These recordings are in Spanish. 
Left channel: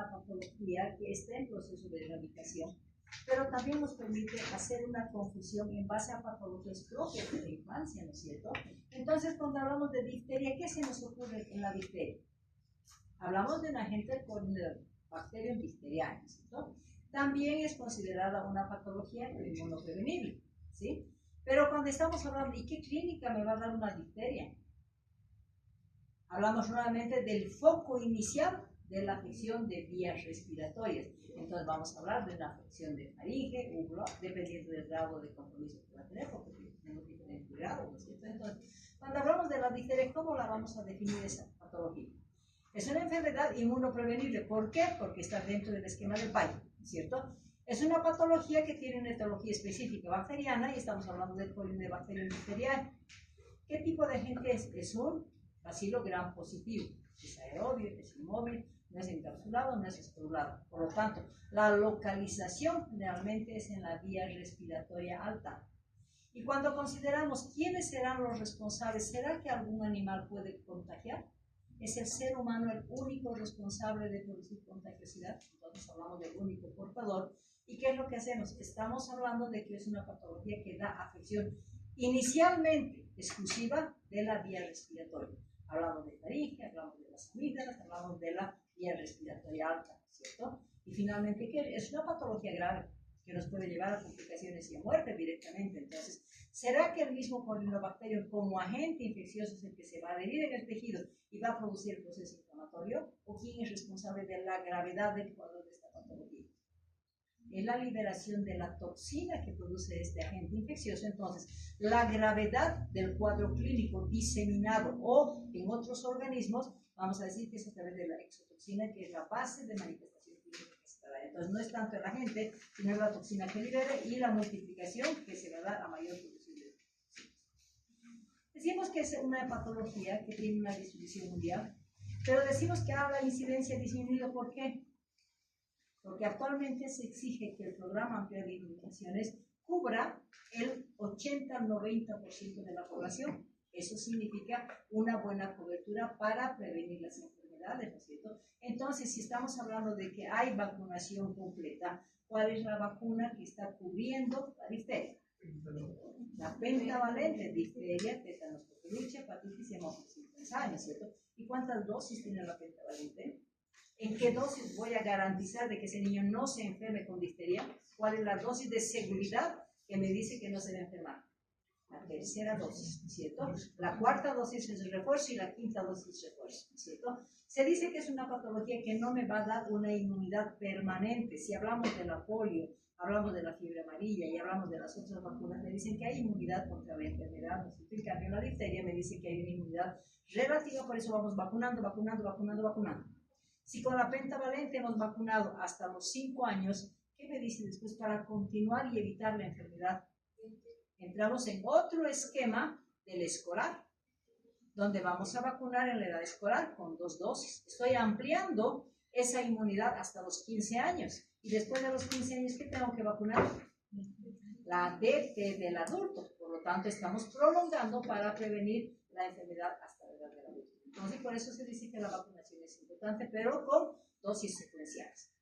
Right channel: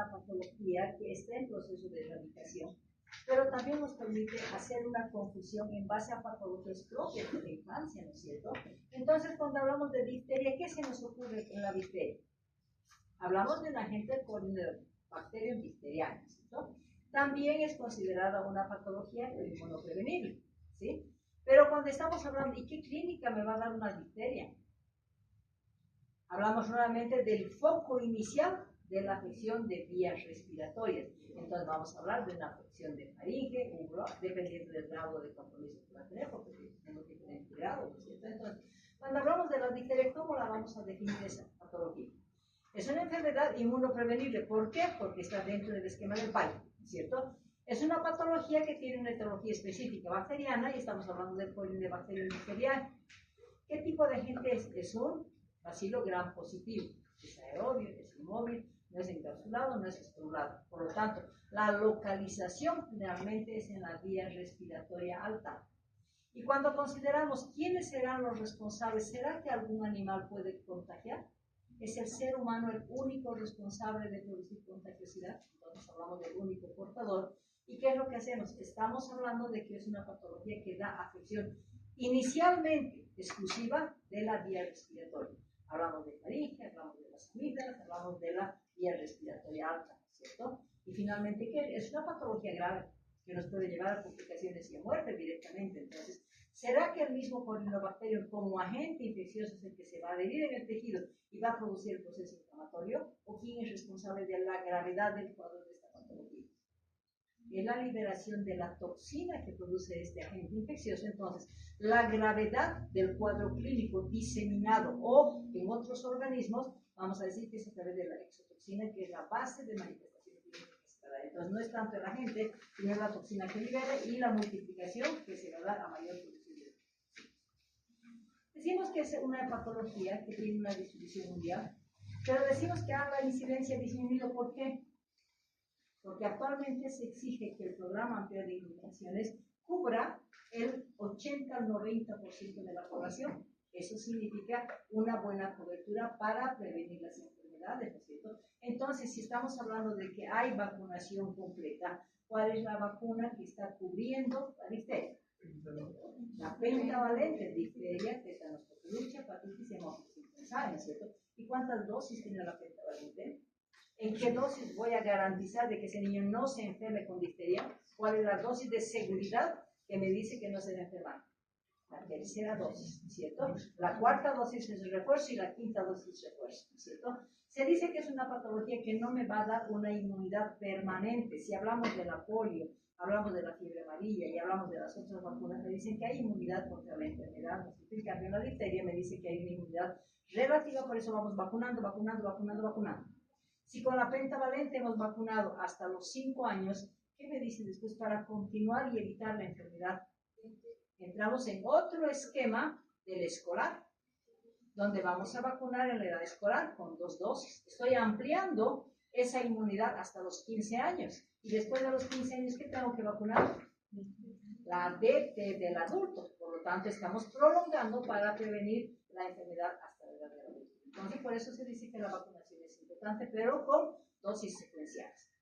una patología que está en proceso de erradicación, pero también nos permite hacer una confusión en base a patologías propias de la infancia, ¿no es cierto? Entonces, cuando hablamos de difteria, ¿qué se nos ocurre en la difteria? Hablamos de un agente con bacterias difterianas, ¿cierto? También es considerada una patología inmunoprevenible, ¿sí? Pero cuando estamos hablando, ¿y qué clínica me va a dar una difteria? Hablamos nuevamente del foco inicial de la afección de vías respiratorias. Entonces vamos a hablar de una afección de faringe, dependiendo del grado de compromiso que va a tener, porque tenemos diferentes grados, ¿no es cierto? Entonces, cuando hablamos de la difteria, ¿cómo la vamos a definir esa patología? Es una enfermedad inmunoprevenible. ¿Por qué? Porque está dentro del esquema del PAI, ¿cierto? Es una patología que tiene una etiología específica bacteriana y estamos hablando del Corynebacterium difteriae. ¿Qué tipo de agente es? Es un bacilo gram positivo. Es aerobio, es inmóvil, no es encapsulado, no es esporulado. Por lo tanto, la localización generalmente es en la vía respiratoria alta. Y cuando consideramos quiénes serán los responsables, ¿será que algún animal puede contagiar? ¿Es el ser humano el único responsable de producir contagiosidad? Entonces hablamos del único portador. ¿Y qué es lo que hacemos? Estamos hablando de que es una patología que da afección inicialmente exclusiva de la vía respiratoria. Hablamos de faringe, hablamos de las amígdalas, hablamos de la vía respiratoria alta, ¿cierto? Y finalmente, ¿qué? Es una patología grave que nos puede llevar a complicaciones y a muerte directamente. Entonces, ¿será que el mismo Corynebacterium como agente infeccioso es el que se va a adherir en el tejido y va a producir el proceso inflamatorio? ¿O quién es responsable de la gravedad del cuadro de esta patología? Es la liberación de la toxina que produce este agente infeccioso. Entonces, la gravedad del cuadro clínico diseminado o en otros organismos, vamos a decir que es a través de la exotoxina, que es la base de manifestación clínica que se da. Entonces, no es tanto el agente, sino la toxina que libere y la multiplicación que se va a dar a mayor producción de toxinas. Decimos que es una patología que tiene una distribución mundial, pero decimos que la incidencia ha disminuido. ¿Por qué? Porque actualmente se exige que el programa amplio de inmunizaciones cubra el 80-90% de la población. Eso significa una buena cobertura para prevenir las enfermedades, ¿no es cierto? Entonces, si estamos hablando de que hay vacunación completa, ¿cuál es la vacuna que está cubriendo la difteria? La pentavalente, difteria, tétanos, coqueluche, hepatitis y hemófilis influenzae, ¿no es cierto? ¿Y cuántas dosis tiene la pentavalente? ¿En qué dosis voy a garantizar de que ese niño no se enferme con difteria? ¿Cuál es la dosis de seguridad que me dice que no se va a enfermar? La tercera dosis, ¿cierto? La cuarta dosis es el refuerzo y la quinta dosis es refuerzo, ¿cierto? Se dice que es una patología que no me va a dar una inmunidad permanente. Si hablamos de la polio, hablamos de la fiebre amarilla y hablamos de las otras vacunas, me dicen que hay inmunidad contra la enfermedad. En cambio, la difteria me dice que hay una inmunidad relativa, por eso vamos vacunando. Si con la pentavalente hemos vacunado hasta los 5 años, ¿qué me dice después para continuar y evitar la enfermedad? Entramos en otro esquema del escolar, donde vamos a vacunar en la edad escolar con 2 dosis. Estoy ampliando esa inmunidad hasta los 15 años. Y después de los 15 años, ¿qué tengo que vacunar? La DT del adulto. Por lo tanto, estamos prolongando para prevenir la enfermedad hasta la edad del adulto. Entonces, por eso se dice que la vacunación es importante, pero con dosis secuenciales.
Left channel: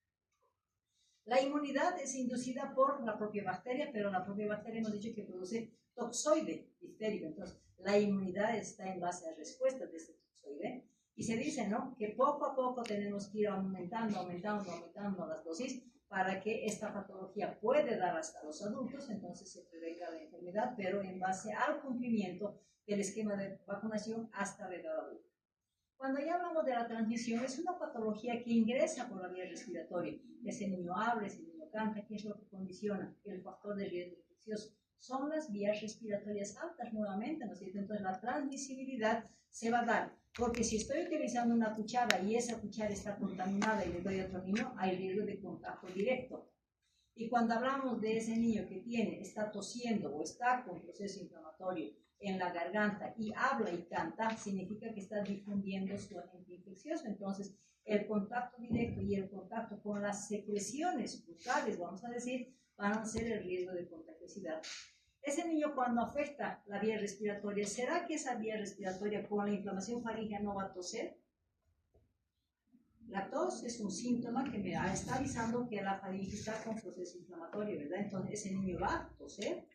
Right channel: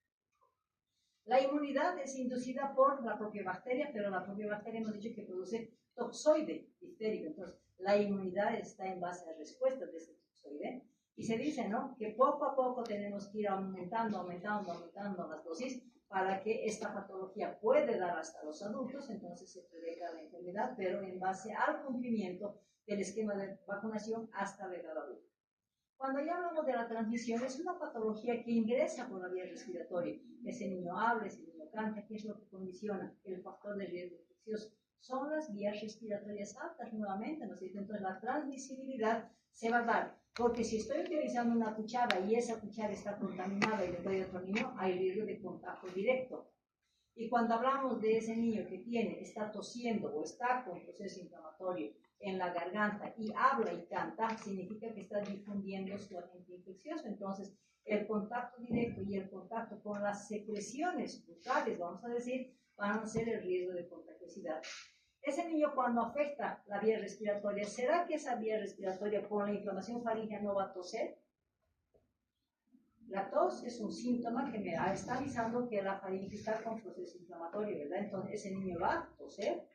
La inmunidad es inducida por la propia bacteria, pero la propia bacteria hemos dicho que produce toxoide diftérico. Entonces, la inmunidad está en base a respuestas de ese toxoide. Y se dice, ¿no?, que poco a poco tenemos que ir aumentando las dosis para que esta patología puede dar hasta los adultos. Entonces, se prevenga la enfermedad, pero en base al cumplimiento del esquema de vacunación hasta la edad adulta. Cuando ya hablamos de la transmisión, es una patología que ingresa por la vía respiratoria. Ese niño habla, ese niño canta. ¿Qué es lo que condiciona? El factor de riesgo infeccioso. Son las vías respiratorias altas nuevamente, ¿no es cierto? Entonces la transmisibilidad se va a dar, porque si estoy utilizando una cuchara y esa cuchara está contaminada y le doy a otro niño, hay riesgo de contacto directo. Y cuando hablamos de ese niño que está tosiendo o está con proceso inflamatorio en la garganta y habla y canta, significa que está difundiendo su agente infeccioso. Entonces, el contacto directo y el contacto con las secreciones bucales, vamos a decir, van a ser el riesgo de contagiosidad. Ese niño, cuando afecta la vía respiratoria, ¿será que esa vía respiratoria con la inflamación faríngea no va a toser? La tos es un síntoma que me está avisando que la faringe está con proceso inflamatorio, ¿verdad? Entonces ese niño va a toser,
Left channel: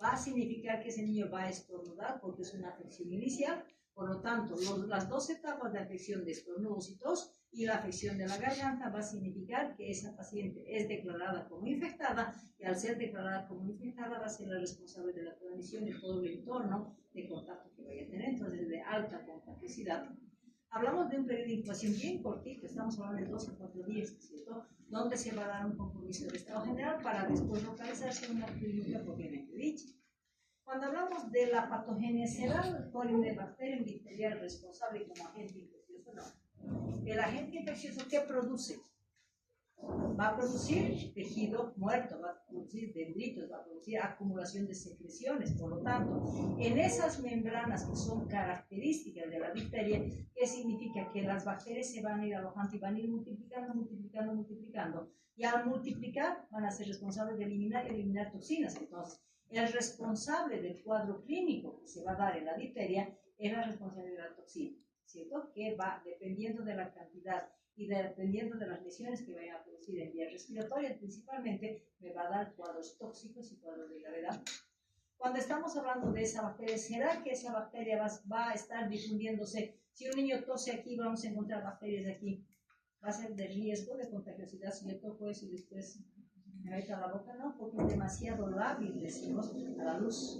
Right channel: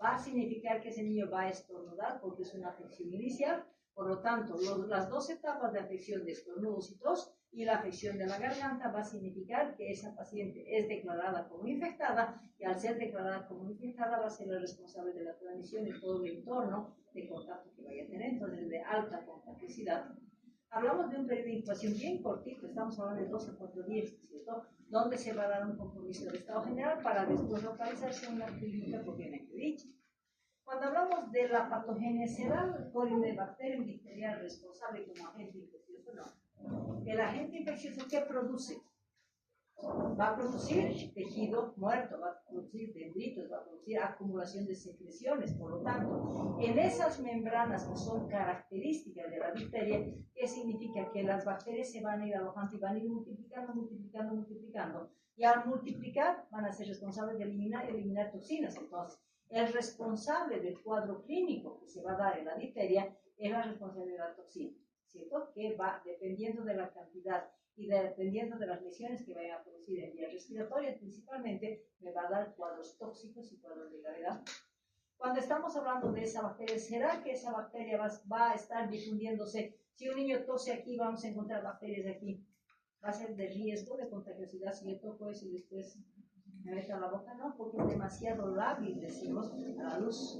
va a significar que ese niño va a estornudar porque es una afección inicial. Por lo tanto, las dos etapas de afección de estornudos y tos y la afección de la garganta va a significar que esa paciente es declarada como infectada, y al ser declarada como infectada va a ser la responsable de la transmisión y todo el entorno de contacto que vaya a tener. Entonces, de alta contagiosidad. Hablamos de un periodo de incubación bien cortito, estamos hablando de 12 a 4 días, ¿cierto? Donde se va a dar un compromiso del estado general para después localizarse en una clínica propiamente dicha. Cuando hablamos de la patogenia, ¿será el Corynebacterium difterial responsable como agente infeccioso? No. ¿El agente infeccioso qué produce? Va a producir tejido muerto, va a producir dendritos, va a producir acumulación de secreciones. Por lo tanto, en esas membranas que son características de la difteria, ¿qué significa? Que las bacterias se van a ir alojando y van a ir multiplicando. Y al multiplicar van a ser responsables de eliminar toxinas. Entonces, el responsable del cuadro clínico que se va a dar en la difteria es la responsable de la toxina, ¿cierto? Que va dependiendo de la cantidad y dependiendo de las lesiones que vayan a producir en vías respiratorias, principalmente, me va a dar cuadros tóxicos y cuadros de gravedad. Cuando estamos hablando de esa bacteria, ¿será que esa bacteria va a estar difundiéndose? Si un niño tose aquí, vamos a encontrar bacterias aquí. ¿Va a ser de riesgo de contagiosidad si yo toco eso y después me meto a la boca? No, porque es demasiado lábil, decimos, a la luz.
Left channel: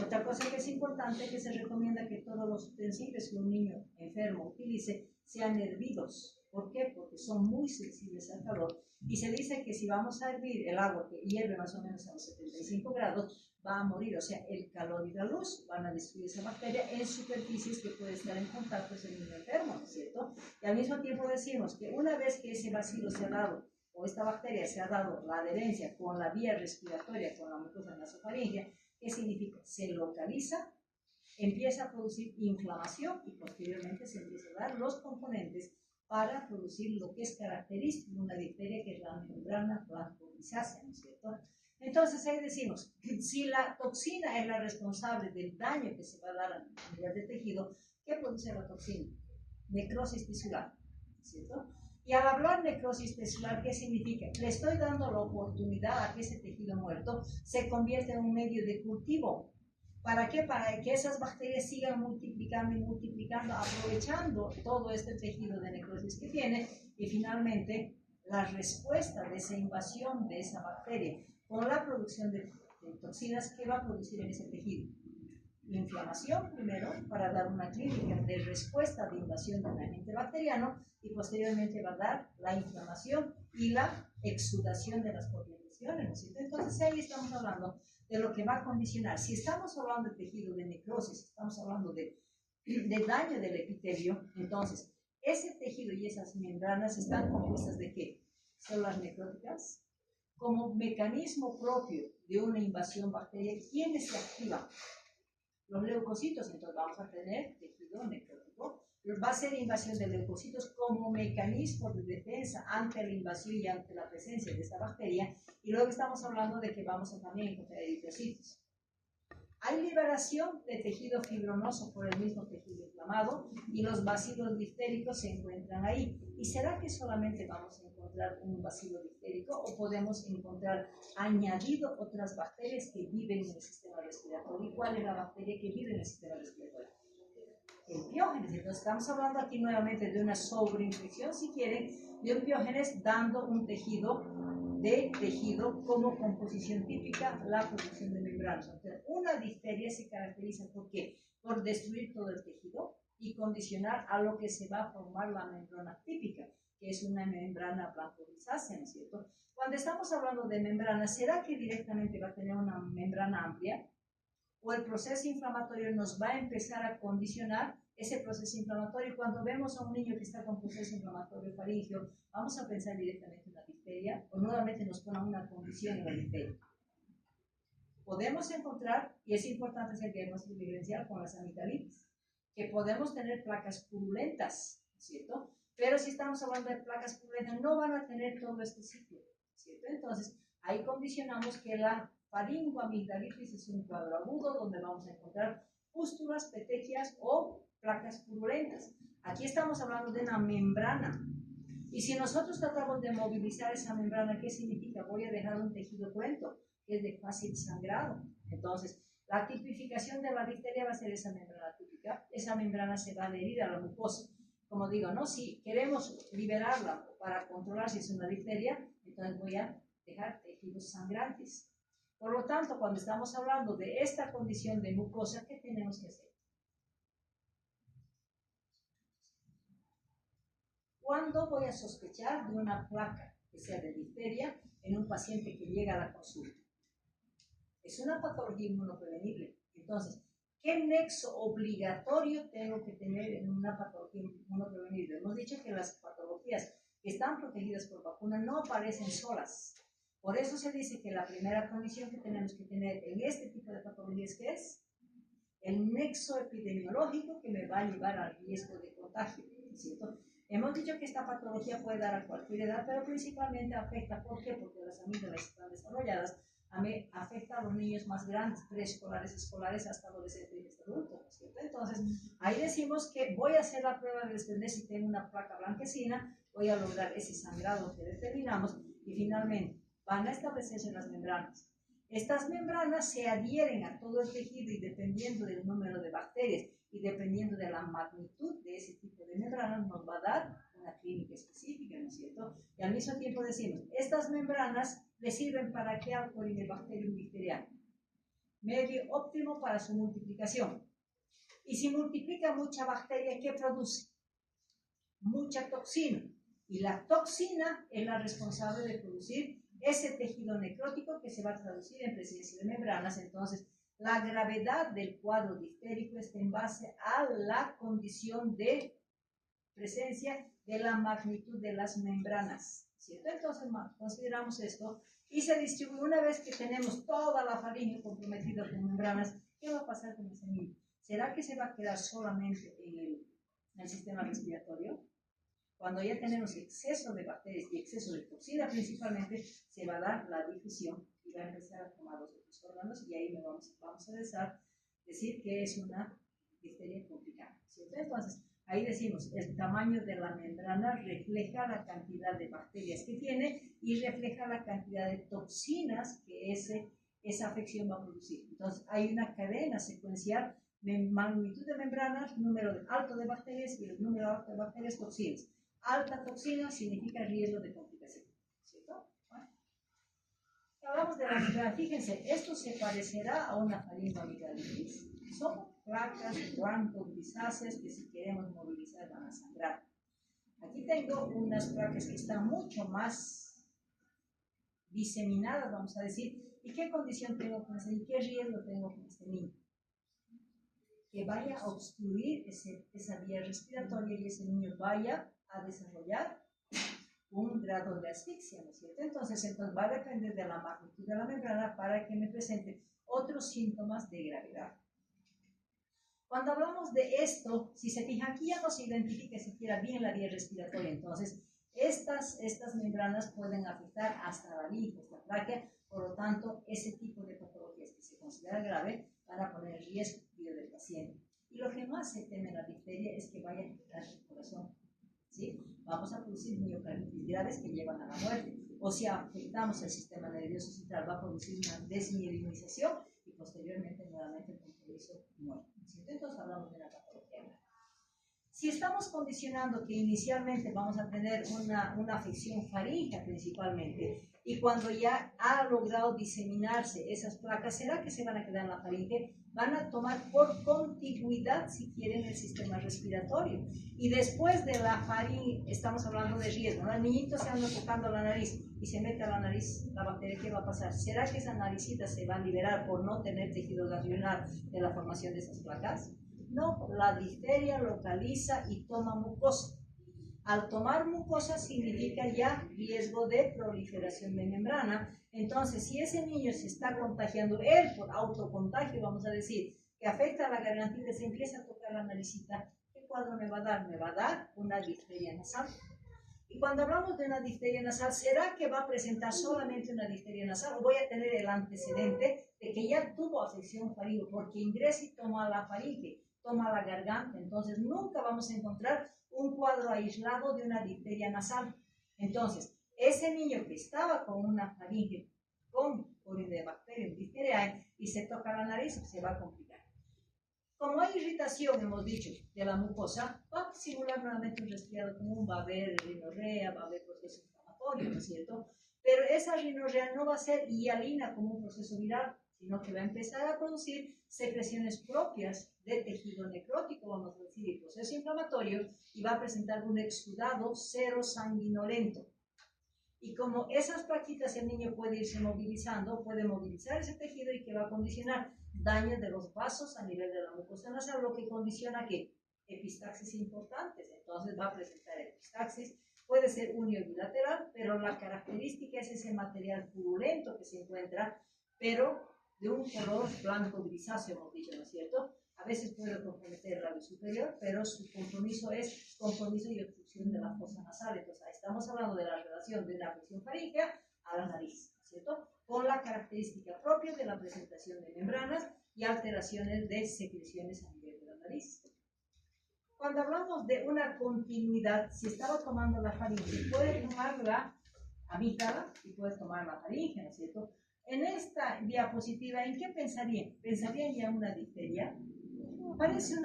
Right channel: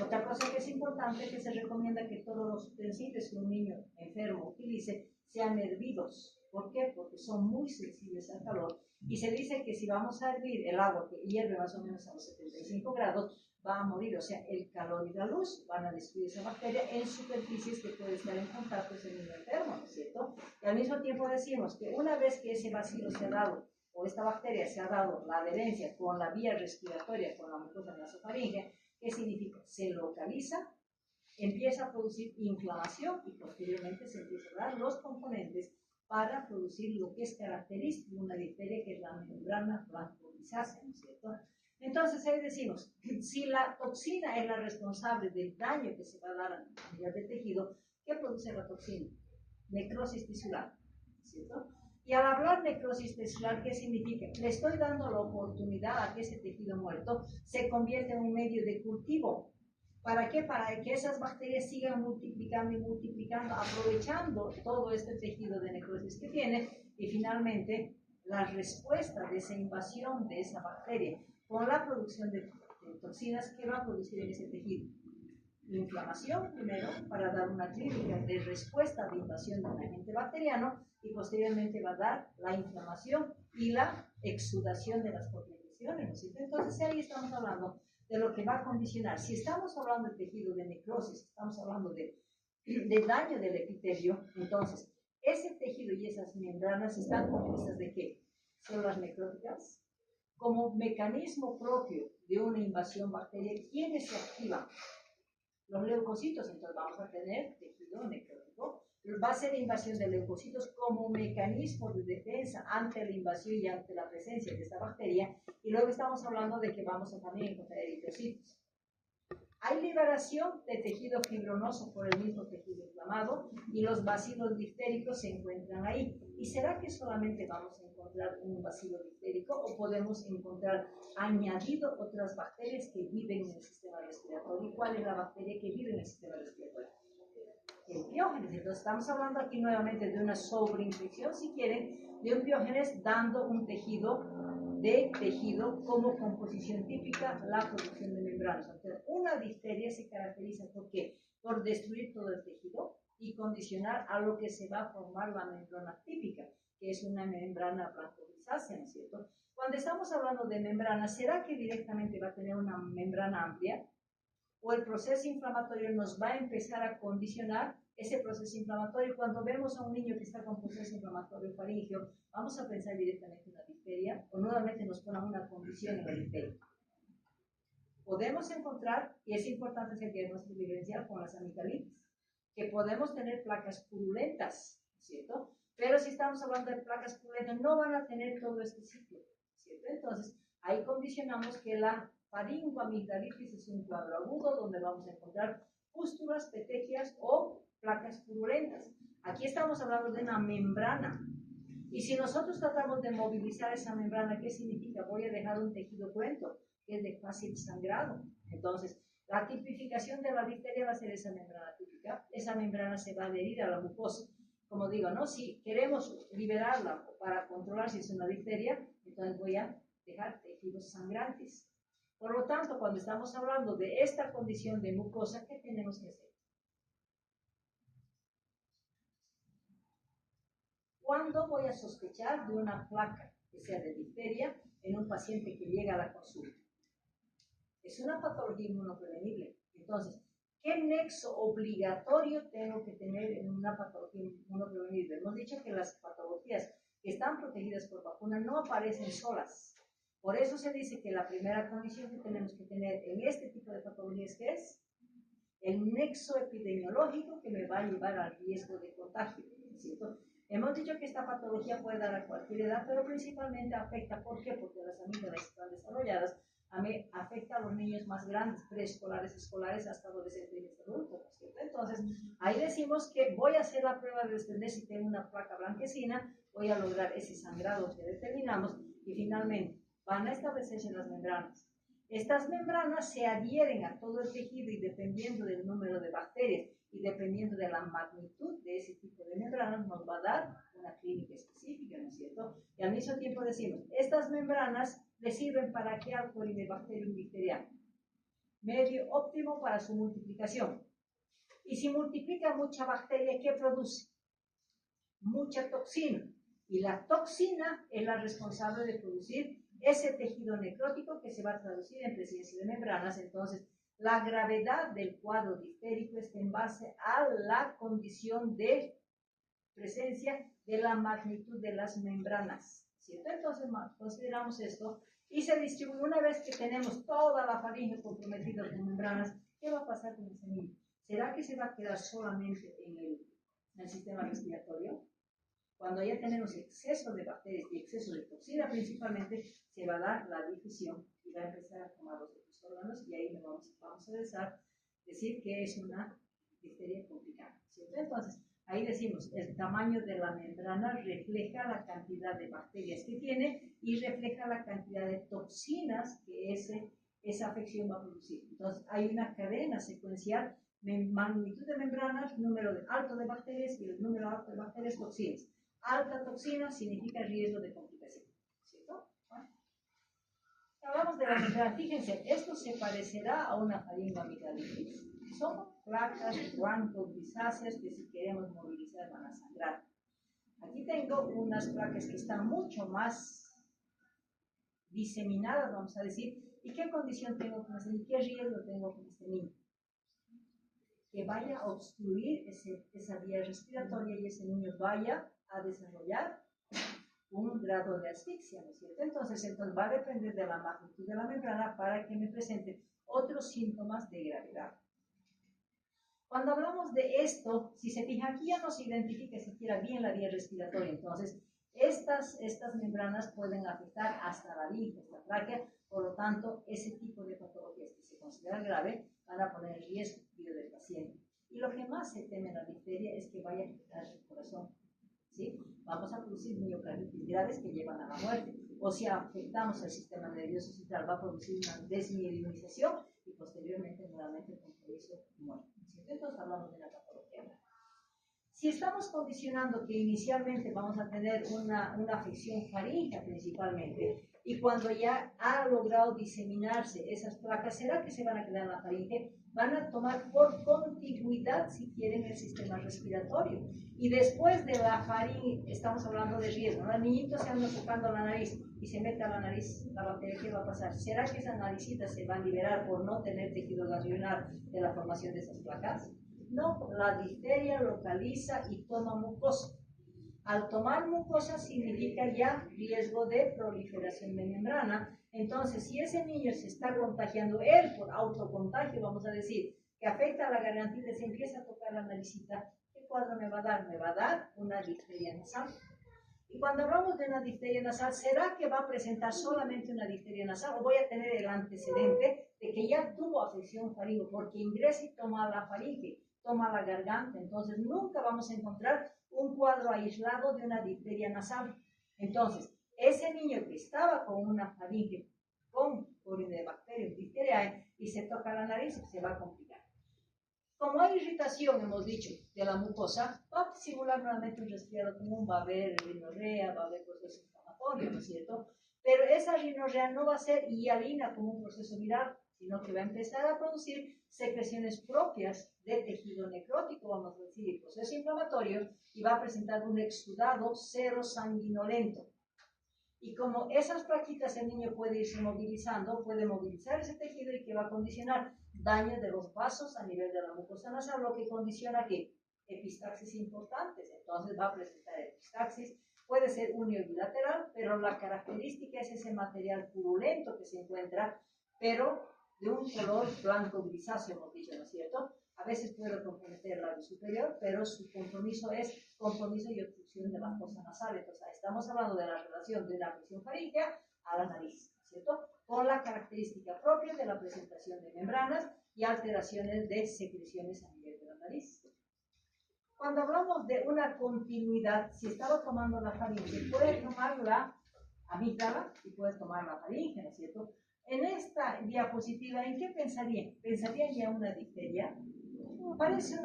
Otra cosa que es importante, que se recomienda que todos los utensilios que un niño enfermo utilice sean hervidos. ¿Por qué? Porque son muy sensibles al calor. Y se dice que si vamos a hervir el agua, que hierve más o menos a los 75 grados, va a morir. O sea, el calor y la luz van a destruir esa bacteria en superficies que puede estar en contacto con el niño enfermo, ¿no es cierto? Y al mismo tiempo decimos que una vez que ese bacilo se ha dado, o esta bacteria se ha dado la adherencia con la vía respiratoria, con la mucosa nasofaríngea, ¿qué significa? Se localiza, empieza a producir inflamación y posteriormente se empiezan a dar los componentes para producir lo que es característico de una difteria, que es la membrana blanco-grisácea, ¿no es cierto? Entonces ahí decimos, si la toxina es la responsable del daño que se va a dar a nivel de tejido, ¿qué produce la toxina? Necrosis tisular, ¿cierto? Y al hablar necrosis tisular, ¿qué significa? Le estoy dando la oportunidad a que ese tejido muerto se convierta en un medio de cultivo. ¿Para qué? Para que esas bacterias sigan multiplicando y multiplicando, aprovechando todo este tejido de necrosis que tiene, y finalmente la respuesta de esa invasión de esa bacteria con la producción de toxinas que va a producir en ese tejido. Inflamación primero, para dar una clínica de respuesta de invasión de un agente bacteriano, y posteriormente va a dar la inflamación y la exudación de las propias lesiones, ¿no es cierto? Entonces ahí estamos hablando de lo que va a condicionar. Si estamos hablando de tejido de necrosis, estamos hablando de daño del epitelio, entonces ese tejido y esas membranas están compuestas ¿de qué? Células necróticas. Como mecanismo propio de una invasión bacteriana, ¿quiénes se activan? Los leucocitos. Entonces vamos a tener tejido necrótico. Va a ser invasión de leucocitos como mecanismo de defensa ante la invasión y ante la presencia de esta bacteria. Y luego estamos hablando de que vamos a también encontrar eritrocitos. Hay liberación de tejido fibronoso por el mismo tejido inflamado, y los bacilos diftéricos se encuentran ahí. ¿Y será que solamente vamos a encontrar un bacilo diftérico, o podemos encontrar añadido otras bacterias que viven en el sistema respiratorio? ¿Y cuál es la bacteria que vive en el sistema respiratorio? El piógenes. Entonces estamos hablando aquí nuevamente de una sobreinfección, si quieren, de un piógenes dando un tejido como composición típica, la producción de membranas. Entonces, una difteria se caracteriza ¿por qué? Por destruir todo el tejido y condicionar a lo que se va a formar la membrana típica, que es una membrana blanco-grisácea, ¿no es cierto? Cuando estamos hablando de membrana, ¿será que directamente va a tener una membrana amplia? ¿O el proceso inflamatorio nos va a empezar a condicionar ese proceso inflamatorio? Cuando vemos a un niño que está con proceso inflamatorio faríngeo, vamos a pensar directamente en la difteria, o nuevamente nos pone una condición en la difteria. Podemos encontrar, y es importante hacer diagnóstico diferencial con las amigdalitis, que podemos tener placas purulentas, ¿cierto? Pero si estamos hablando de placas purulentas, no van a tener todo este ciclo, ¿cierto? Entonces, ahí condicionamos que la faringoamigdalitis es un cuadro agudo donde vamos a encontrar pústulas, petequias o placas purulentas. Aquí estamos hablando de una membrana Y si nosotros tratamos de movilizar esa membrana, ¿qué significa? Voy a dejar un tejido cruento, que es de fácil sangrado. Entonces, la tipificación de la difteria va a ser esa membrana típica. Esa membrana se va a adherir a la mucosa. Como digo, ¿no? Si queremos liberarla para controlar si es una difteria, entonces voy a dejar tejidos sangrantes. Por lo tanto, cuando estamos hablando de esta condición de mucosa, ¿qué tenemos que hacer? ¿Cuándo voy a sospechar de una placa que sea de difteria en un paciente que llega a la consulta? Es una patología inmunoprevenible. Entonces, ¿qué nexo obligatorio tengo que tener en una patología inmunoprevenible? Hemos dicho que las patologías que están protegidas por vacuna no aparecen solas. Por eso se dice que la primera condición que tenemos que tener en este tipo de patologías, ¿qué es? El nexo epidemiológico que me va a llevar al riesgo de contagio, ¿cierto? Hemos dicho que esta patología puede dar a cualquier edad, pero principalmente afecta, ¿por qué? Porque las amígdalas están desarrolladas, afecta a los niños más grandes, preescolares, escolares, hasta adolescentes y hasta adultos, ¿cierto? Entonces, ahí decimos que voy a hacer la prueba de desprender si tengo una placa blanquecina, voy a lograr ese sangrado que determinamos y finalmente van a establecerse las membranas. Estas membranas se adhieren a todo el tejido y dependiendo del número de bacterias y dependiendo de la magnitud de ese tipo de membranas nos va a dar una clínica específica, ¿no es cierto? Y al mismo tiempo decimos, estas membranas le sirven para qué al Corynebacterium bacteriano. Medio óptimo para su multiplicación. Y si multiplica mucha bacteria, ¿qué produce? Mucha toxina. Y la toxina es la responsable de producir ese tejido necrótico que se va a traducir en presencia de membranas. Entonces, la gravedad del cuadro diftérico está en base a la condición de presencia de la magnitud de las membranas, ¿cierto? Entonces, consideramos esto y se distribuye. Una vez que tenemos toda la faringe comprometida con membranas, ¿qué va a pasar con ese niño? ¿Será que se va a quedar solamente en el sistema respiratorio? Cuando ya tenemos exceso de bacterias y exceso de toxina principalmente, se va a dar la difusión y va a empezar a tomar los otros órganos y ahí vamos a decir que es una difteria complicada, ¿cierto? Entonces, ahí decimos, el tamaño de la membrana refleja la cantidad de bacterias que tiene y refleja la cantidad de toxinas que esa afección va a producir. Entonces, hay una cadena secuencial, magnitud de membranas, número alto de bacterias y el número alto de bacterias, toxinas. Alta toxina significa riesgo de complicación, ¿cierto? Bueno. Hablamos de la membrana. Fíjense, esto se parecerá a una faringoamigdalitis. Son placas blanco-grisáceas que si queremos movilizar van a sangrar. Aquí tengo unas placas que están mucho más diseminadas, vamos a decir. ¿Y qué condición tengo con este niño? ¿Qué riesgo tengo con este niño? Que vaya a obstruir esa vía respiratoria y ese niño vaya a desarrollar un grado de asfixia, ¿no es cierto? Entonces va a depender de la magnitud de la membrana para que me presente otros síntomas de gravedad. Cuando hablamos de esto, si se fija, aquí ya no se identifica siquiera bien la vía respiratoria, entonces estas membranas pueden afectar hasta la linfa, esta tráquea, por lo tanto, ese tipo de patologías que se considera grave van a poner en riesgo la vida del paciente. Y lo que más se teme en la difteria es que vaya a afectar el corazón, ¿sí? Vamos a producir miocarditis graves que llevan a la muerte. O si afectamos el sistema nervioso central, va a producir una desmielinización y posteriormente nuevamente el compromiso muerte. Entonces hablamos de una patología. Si estamos condicionando que inicialmente vamos a tener una afección faríngea principalmente, y cuando ya ha logrado diseminarse esas placas, ¿será que se van a quedar en la faringe? Van a tomar por contigüidad, si quieren, el sistema respiratorio. Y después de la faringe, estamos hablando de riesgo, ¿no? El niñito se anda tocando la nariz y se mete a la nariz la bacteria, ¿qué va a pasar? ¿Será que esa naricita se va a liberar por no tener tejido ganglionar de la formación de esas placas? No, la difteria localiza y toma mucosa. Al tomar mucosa significa ya riesgo de proliferación de membrana. Entonces, si ese niño se está contagiando, él por autocontagio, vamos a decir, que afecta a la gargantita, se empieza a tocar la naricita, ¿qué cuadro me va a dar? Me va a dar una difteria nasal. Y cuando hablamos de una difteria nasal, ¿será que va a presentar solamente una difteria nasal o voy a tener el antecedente de que ya tuvo afección faríngea? Porque ingresa y toma la faringe, toma la garganta. Entonces, nunca vamos a encontrar un cuadro aislado de una difteria nasal. Entonces, ese niño que estaba con una faringe con Corynebacterium diphtheriae y se toca la nariz, se va a complicar. Como hay irritación, hemos dicho, de la mucosa, va a simular nuevamente un resfriado común, va a haber rinorrea, va a haber proceso inflamatorio, ¿no es cierto? Pero esa rinorrea no va a ser hialina como un proceso viral, sino que va a empezar a producir secreciones propias de tejido necrótico, vamos a decir, y proceso inflamatorio, y va a presentar un exudado serosanguinolento. Y como esas plaquitas el niño puede irse movilizando, puede movilizar ese tejido y que va a condicionar daño de los vasos a nivel de la mucosa nasal, lo que condiciona que epistaxis importantes. Entonces va a presentar epistaxis, puede ser unio bilateral, pero la característica es ese material purulento que se encuentra, pero de un color blanco grisáceo, hemos dicho, ¿no es cierto? A veces puede comprometer el labio superior, pero su compromiso es compromiso y obstrucción de la fosa nasal. Entonces, estamos hablando de la relación de una afección faríngea a la nariz, ¿cierto? Con la característica propia de la presentación de membranas y alteraciones de secreciones a nivel de la nariz. Cuando hablamos de una continuidad, si estaba tomando la faringe, puede tomar la amígdala y puede tomar la faringe, ¿no es cierto? En esta diapositiva, ¿en qué pensarían? ¿Pensarían ya una difteria? Parece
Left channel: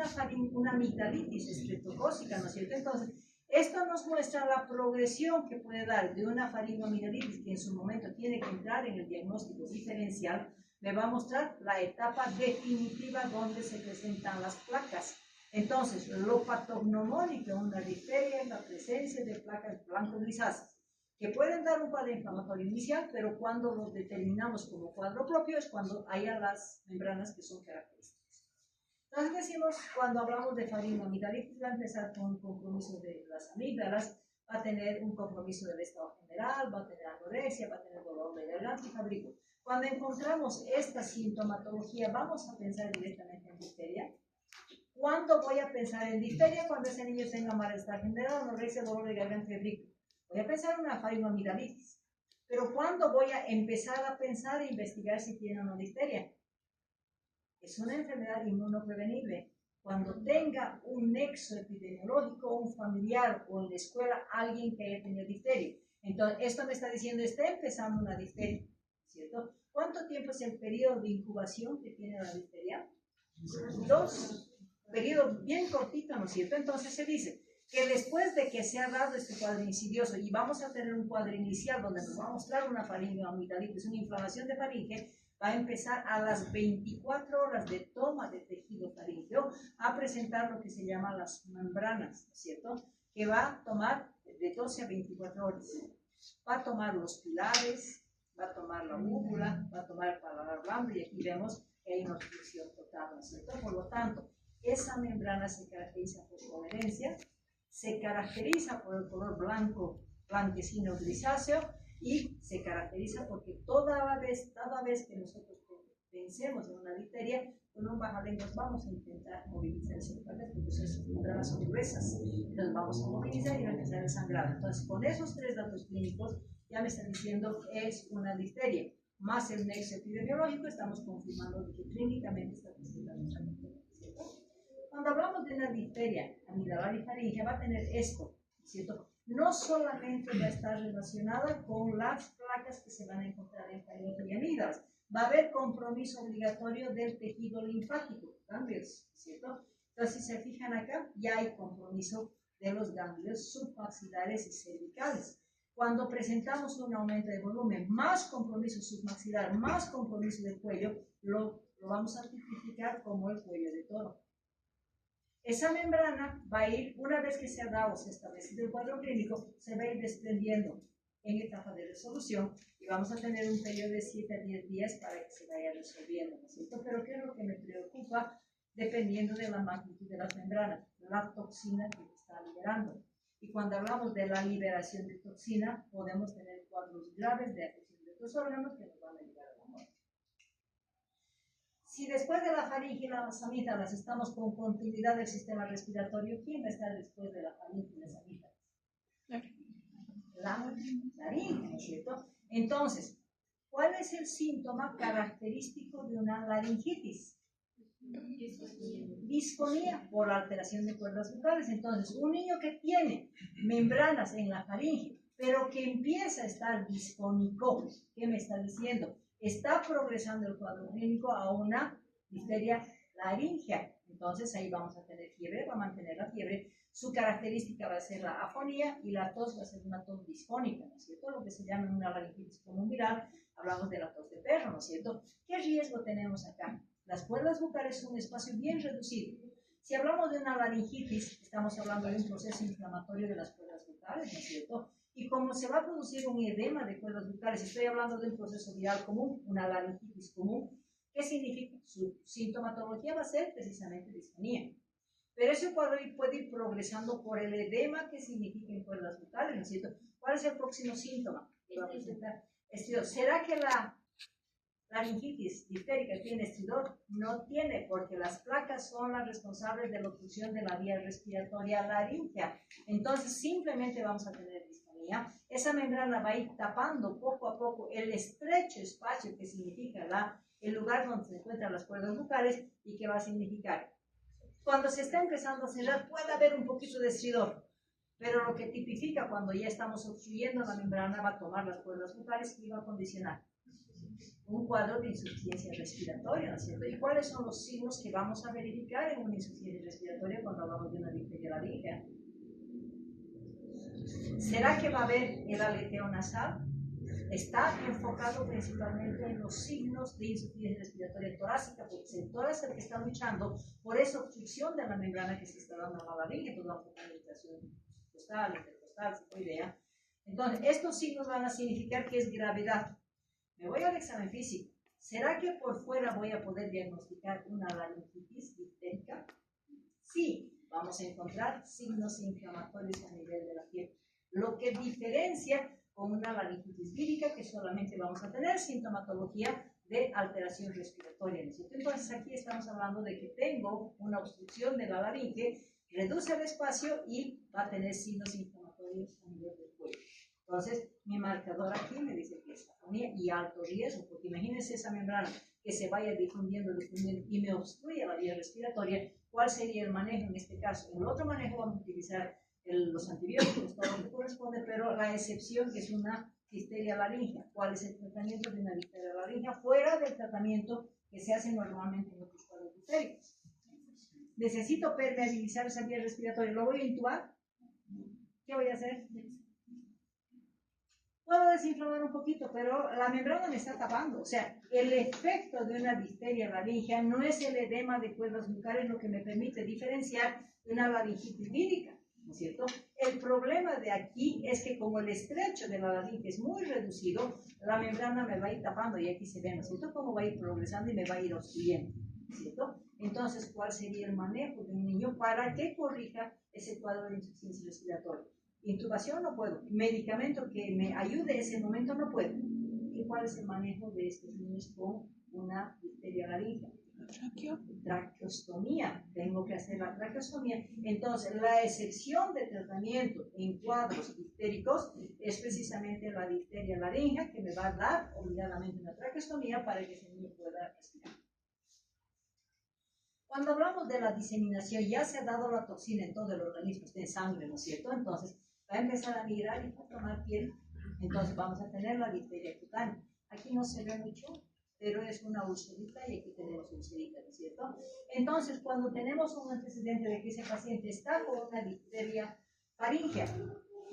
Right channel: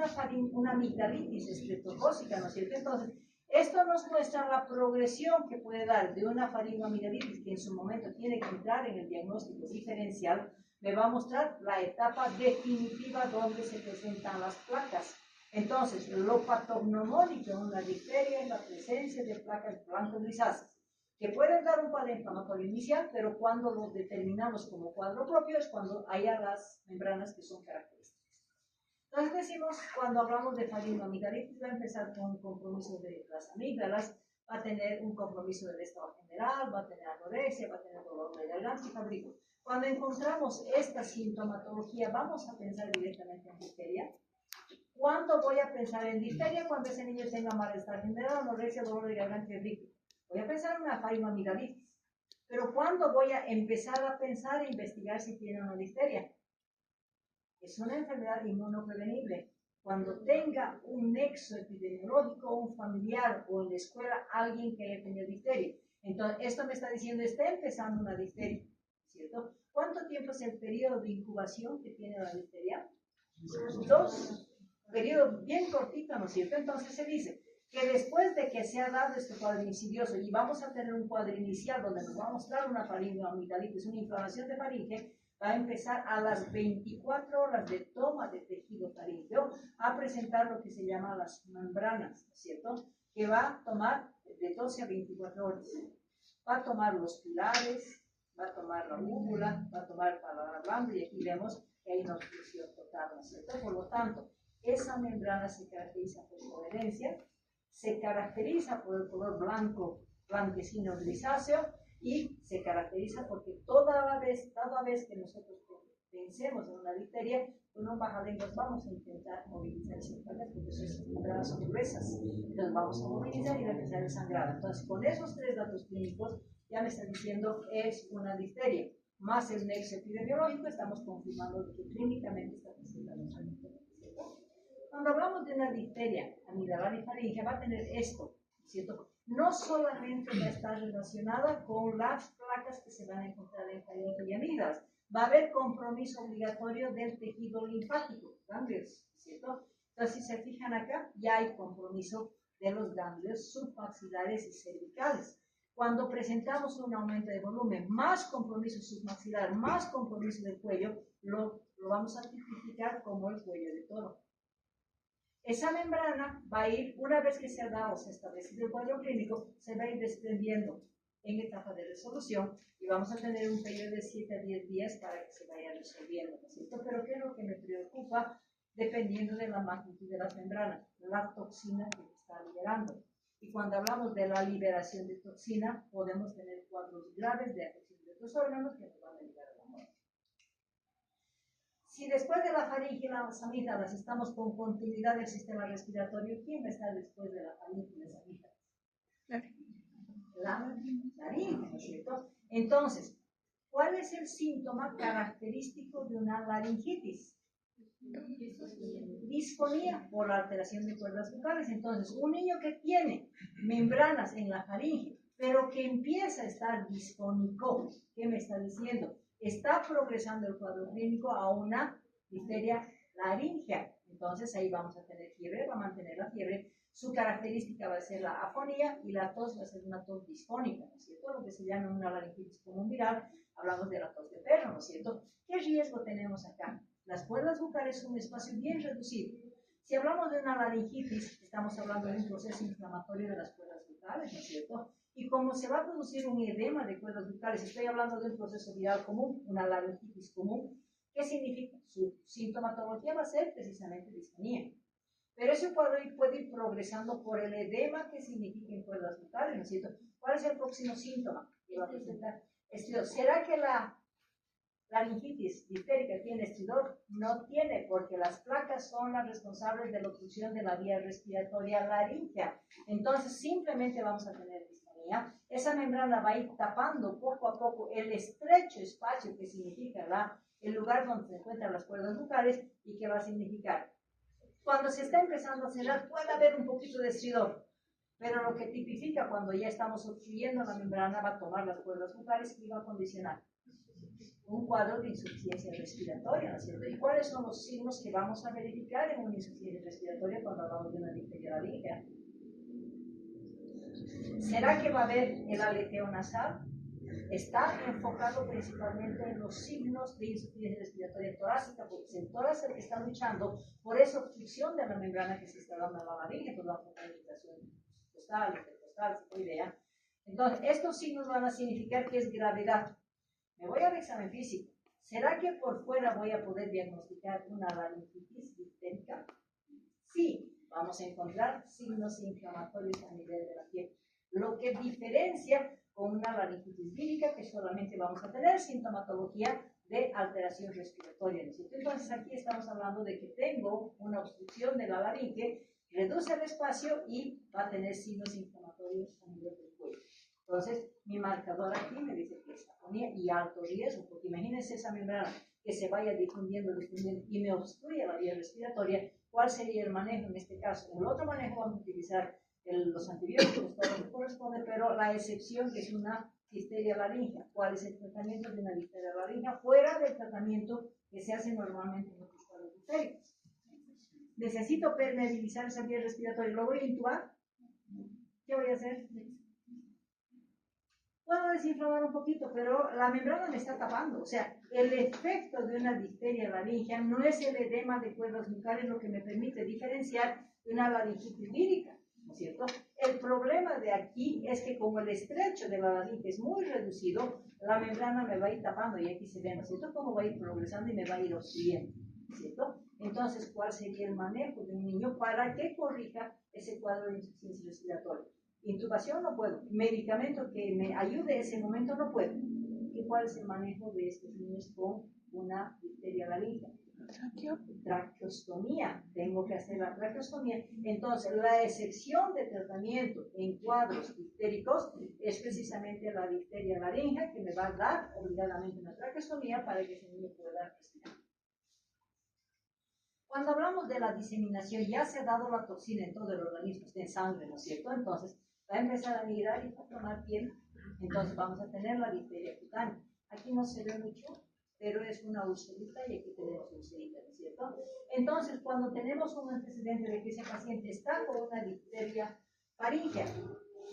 una amigdalitis estreptocócica, ¿no es cierto? Entonces, esto nos muestra la progresión que puede dar de una faringoamigdalitis que en su momento tiene que entrar en el diagnóstico diferencial. Me va a mostrar la etapa definitiva donde se presentan las placas. Entonces, lo patognomónico en una difteria es la presencia de placas blanco-grisáceas, que pueden dar un cuadro inflamatorio inicial, pero cuando lo determinamos como cuadro propio es cuando haya las membranas que son características. Entonces decimos, cuando hablamos de faringoamigdalitis, va a empezar con un compromiso de las amígdalas, va a tener un compromiso del estado general, va a tener anorexia, va a tener dolor de garganta y fabrico. Cuando encontramos esta sintomatología, ¿vamos a pensar directamente en difteria? ¿Cuándo voy a pensar en difteria? Cuando ese niño tenga malestar general, anorexia, dolor de garganta y fabrico. Voy a pensar en una faringoamigdalitis. Pero ¿cuándo voy a empezar a pensar e investigar si tiene una difteria? Es una enfermedad inmunoprevenible. Cuando tenga un nexo epidemiológico, un familiar o en la escuela alguien que haya tenido difteria. Entonces, esto me está diciendo, está empezando una difteria, ¿cierto? ¿Cuánto tiempo es el periodo de incubación que tiene la difteria? 2. Periodo bien cortito, ¿no es cierto? Entonces se dice que después de que se ha dado este cuadro insidioso y vamos a tener un cuadro inicial donde nos va a mostrar una faringoamigdalitis, una inflamación de faringe, va a empezar a las 24 horas de toma de tejido faríngeo a presentar lo que se llama las membranas, ¿no es cierto? Que va a tomar de 12 a 24 horas. Va a tomar los pilares, va a tomar la úvula, va a tomar el paladar blando y aquí vemos que hay una obstrucción total, ¿no es cierto? Por lo tanto, esa membrana se caracteriza por coherencia, se caracteriza por el color blanco, blanquecino, grisáceo, y se caracteriza porque toda vez que nosotros pensemos en una difteria, con un bajalenguas vamos a intentar movilizar esas placas porque esas membranas son gruesas. Entonces vamos a movilizar y va a empezar a sangrar. Entonces, con esos 3 datos clínicos, ya me están diciendo que es una difteria. Más el nexo epidemiológico, estamos confirmando que clínicamente está presentando una difteria, ¿cierto? Cuando hablamos de una difteria amidalar y faríngea, va a tener esto, ¿cierto? No solamente va a estar relacionada con las placas que se van a encontrar en faringe y amígdalas, va a haber compromiso obligatorio del tejido linfático, ganglios, ¿cierto? Entonces, si se fijan acá, ya hay compromiso de los ganglios submaxilares y cervicales. Cuando presentamos un aumento de volumen, más compromiso submaxilar, más compromiso del cuello, lo vamos a tipificar como el cuello de toro. Esa membrana va a ir, una vez que se ha dado, se ha establecido el cuadro clínico, se va a ir desprendiendo en etapa de resolución y vamos a tener un periodo de 7 a 10 días para que se vaya resolviendo, ¿no es cierto? Pero ¿qué es lo que me preocupa? Dependiendo de la magnitud de las membranas, la toxina que está liberando. Y cuando hablamos de la liberación de toxina, podemos tener cuadros graves de afección de otros órganos que nos van a llevar a la muerte. Si después de la faringe y las amígdalas estamos con continuidad del sistema respiratorio, ¿quién va a estar después de la faringe y las amígdalas? La laringe, ¿no es cierto? Entonces, ¿cuál es el síntoma característico de una laringitis? Disfonía por la alteración de cuerdas vocales. Entonces, un niño que tiene membranas en la faringe pero que empieza a estar disfónico. ¿Qué me está diciendo? Está progresando el cuadro clínico a una difteria laringea. Entonces ahí vamos a tener fiebre, va a mantener la fiebre. Su característica va a ser la afonía y la tos va a ser una tos disfónica, ¿no es cierto? Lo que se llama una laringitis común viral, hablamos de la tos de perro, ¿no es cierto? ¿Qué riesgo tenemos acá? Las cuerdas bucales son un espacio bien reducido. Si hablamos de una laringitis, estamos hablando de un proceso inflamatorio de las cuerdas bucales, ¿no es cierto? Y como se va a producir un edema de cuerdas bucales, estoy hablando de un proceso viral común, una laringitis común, ¿qué significa? Su sintomatología va a ser precisamente disfonía. Pero ese cuadro puede ir progresando por el edema que significa en cuerdas bucales, ¿no es cierto? ¿Cuál es el próximo síntoma que va a presentar? Estridor. ¿Será que la laringitis diftérica tiene estridor? No tiene, porque las placas son las responsables de la obstrucción de la vía respiratoria laringea. Entonces, simplemente vamos a tener disfonía. Esa membrana va a ir tapando poco a poco el estrecho espacio que significa el lugar donde se encuentran las cuerdas bucales y que va a significar. Cuando se está empezando a cerrar, puede haber un poquito de estridor, pero lo que tipifica cuando ya estamos obstruyendo la membrana va a tomar las cuerdas bucales y va a condicionar un cuadro de insuficiencia respiratoria, ¿no es cierto? ¿Y cuáles son los signos que vamos a verificar en una insuficiencia respiratoria cuando hablamos de una difteria laringea? ¿Será que va a haber el aleteo nasal? Está enfocado principalmente en los signos de insuficiencia respiratoria torácica, porque es el tórax el que está luchando por esa obstrucción de la membrana que se está dando a la laringe, entonces vamos a tener irritación costal, intercostal, sifoidea. Entonces, estos signos van a significar que es gravedad. Me voy al examen físico. ¿Será que por fuera voy a poder diagnosticar una laringitis diftérica? Sí, vamos a encontrar signos inflamatorios a nivel de la piel, lo que diferencia con una laringitis vírica, que solamente vamos a tener sintomatología de alteración respiratoria, ¿no es cierto? Entonces aquí estamos hablando de que tengo una obstrucción de la laringe, reduce el espacio y va a tener signos inflamatorios a nivel del cuello. Entonces mi marcador aquí me dice que es afonía y alto riesgo, porque imagínense esa membrana que se vaya difundiendo y me obstruye la vía respiratoria. ¿Cuál sería el manejo en este caso? En el otro manejo vamos a utilizar los antibióticos, todo lo que corresponde, pero la excepción que es una difteria laringea. ¿Cuál es el tratamiento de una difteria laringea? Fuera del tratamiento que se hace normalmente en los cuadros diftéricos. Necesito permeabilizar esa vía respiratoria. ¿Lo voy a intubar? ¿Qué voy a hacer? Puedo desinflamar un poquito, pero la membrana me está tapando. O sea, el efecto de una difteria laringea no es el edema de cuerdas bucales lo que me permite diferenciar de una laringitis vírica, ¿no es cierto? El problema de aquí es que como el estrecho de la laringe es muy reducido, la membrana me va a ir tapando y aquí se ve, ¿no es cierto? Cómo va a ir progresando y me va a ir obstruyendo, ¿no es cierto? Entonces, ¿cuál sería el manejo de un niño para que corrija ese cuadro de insuficiencia respiratoria? Intubación no puedo, medicamento que me ayude en ese momento no puedo. ¿Y cuál es el manejo de estos niños con una difteria laringea? Traqueostomía, tengo que hacer la traqueostomía. Entonces, la excepción de tratamiento en cuadros diftéricos es precisamente la difteria laringea, que me va a dar obligadamente una traqueostomía para que ese niño pueda respirar. Cuando hablamos de la diseminación, ya se ha dado la toxina en todo el organismo, está en sangre, ¿no es cierto? Entonces, va a empezar a migrar y va a tomar piel. Entonces, vamos a tener la difteria cutánea. Aquí no se ve mucho, pero es una ulcerita y aquí tenemos ulcerita, ¿no es cierto? Entonces, cuando tenemos un antecedente de que ese paciente está con una difteria faríngea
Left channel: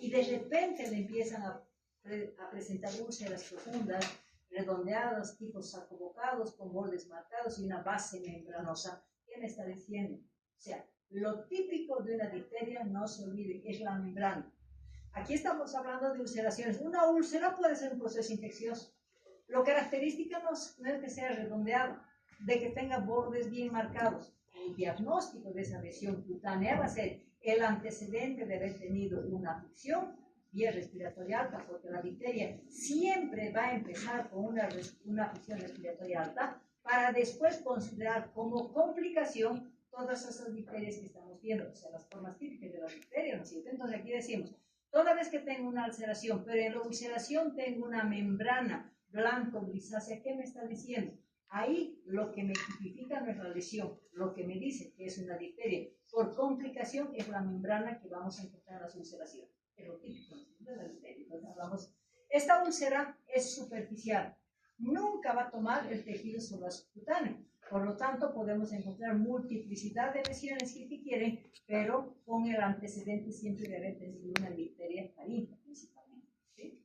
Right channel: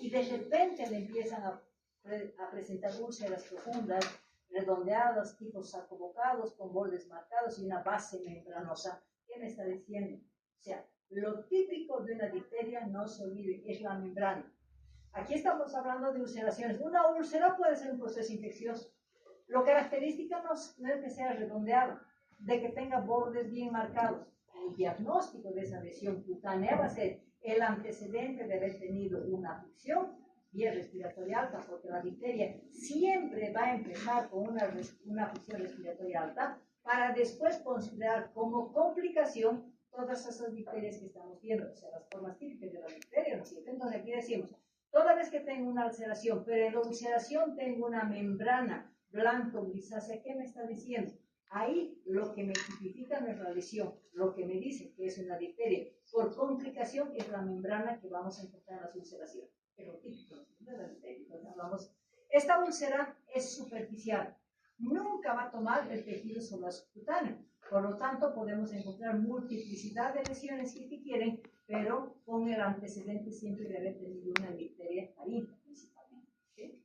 y de repente le empiezan a presentar úlceras profundas, redondeadas, tipos sarcobocados, con bordes marcados y una base membranosa, ¿qué me está diciendo? O sea, lo típico de una difteria, no se olvide, es la membrana. Aquí estamos hablando de ulceraciones. Una úlcera puede ser un proceso infeccioso. Lo característico no es que sea redondeado, de que tenga bordes bien marcados. El diagnóstico de esa lesión cutánea va a ser el antecedente de haber tenido una afección vía respiratoria alta, porque la difteria siempre va a empezar con una afección respiratoria alta para después considerar como complicación todas esas difterias que estamos viendo, o sea, las formas típicas de la difteria, ¿no es cierto? Entonces aquí decimos, toda vez que tengo una ulceración, pero en la ulceración tengo una membrana blanco grisácea, ¿qué me está diciendo? Ahí lo que me tipifica no es la lesión, lo que me dice que es una difteria por complicación es la membrana que vamos a encontrar en las ulceraciones. es lo típico, ¿no? Entonces hablamos, esta úlcera es superficial, nunca va a tomar el tejido solar subcutáneo. Por lo tanto, podemos encontrar multiplicidad de lesiones si quieren, pero con el antecedente siempre de haber tenido una difteria faríngea principalmente. ¿Sí?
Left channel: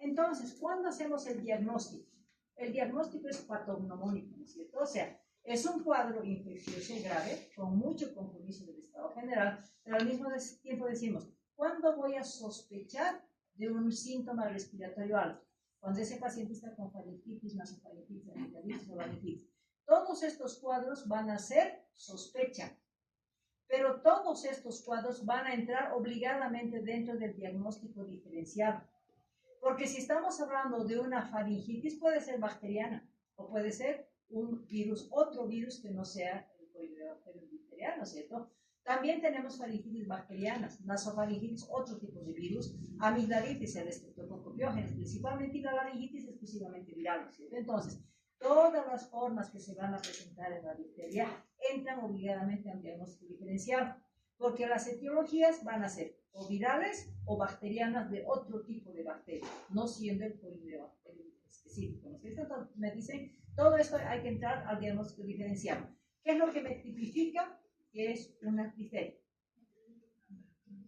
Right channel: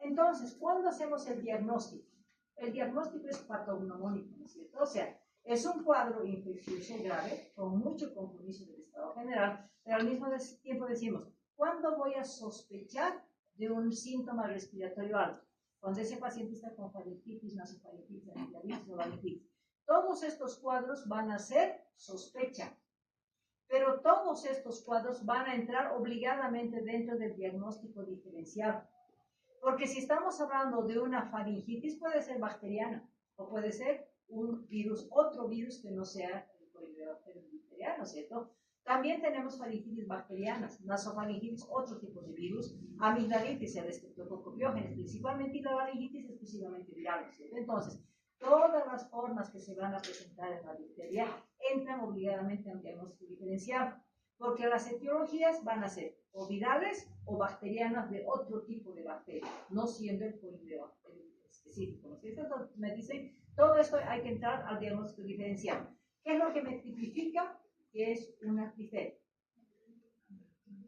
Entonces, ¿cuándo hacemos el diagnóstico? El diagnóstico es patognomónico, ¿no es cierto? O sea, es un cuadro infeccioso grave con mucho compromiso del estado general, pero al mismo tiempo decimos, ¿cuándo voy a sospechar de un síntoma respiratorio alto? Cuando ese paciente está con faringitis, nasofaringitis, amigdalitis o laringitis. Todos estos cuadros van a ser sospecha, pero todos estos cuadros van a entrar obligadamente dentro del diagnóstico diferencial. Porque si estamos hablando de una faringitis, puede ser bacteriana o puede ser un virus, otro virus que no sea el Corynebacterium difteriano, ¿cierto? También tenemos faringitis bacterianas, nasofaringitis, otro tipo de virus, amigdalitis, el Streptococcus pyogenes, principalmente, y la laringitis exclusivamente viral, ¿cierto? Entonces, todas las formas que se van a presentar en la difteria entran obligadamente a un diagnóstico diferencial, porque las etiologías van a ser o virales o bacterianas de otro tipo de bacteria, no siendo el Corynebacterium específico, ¿no es cierto? Entonces, me dicen, todo esto hay que entrar al diagnóstico diferencial. ¿Qué es lo que me tipifica? Que es una difteria.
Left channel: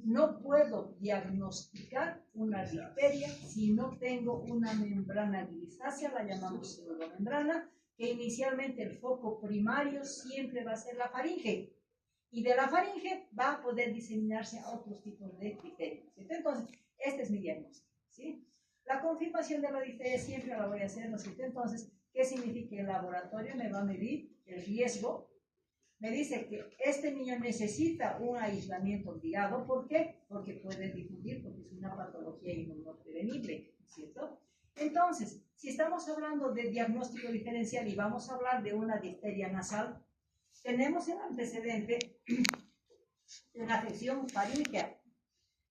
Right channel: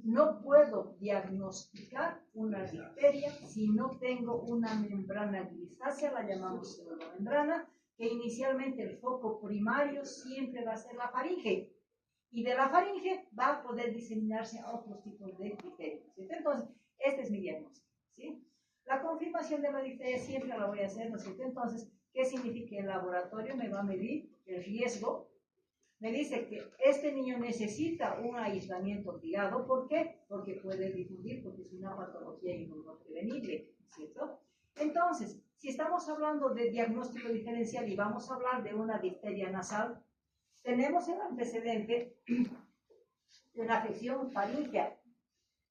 No puedo diagnosticar una difteria si no tengo una membrana grisácea, la llamamos pseudomembrana, que inicialmente el foco primario siempre va a ser la faringe, y de la faringe va a poder diseminarse a otros tipos de difterias. Entonces, este es mi diagnóstico, ¿sí? La confirmación de la difteria siempre la voy a hacer, ¿no es cierto? Entonces, ¿qué significa? El laboratorio me va a medir el riesgo. Me dice que este niño necesita un aislamiento obligado. ¿Por qué? Porque puede difundir, porque es una patología inmunoprevenible, ¿cierto? Entonces, si estamos hablando de diagnóstico diferencial y vamos a hablar de una difteria nasal, tenemos el antecedente de una afección faríngea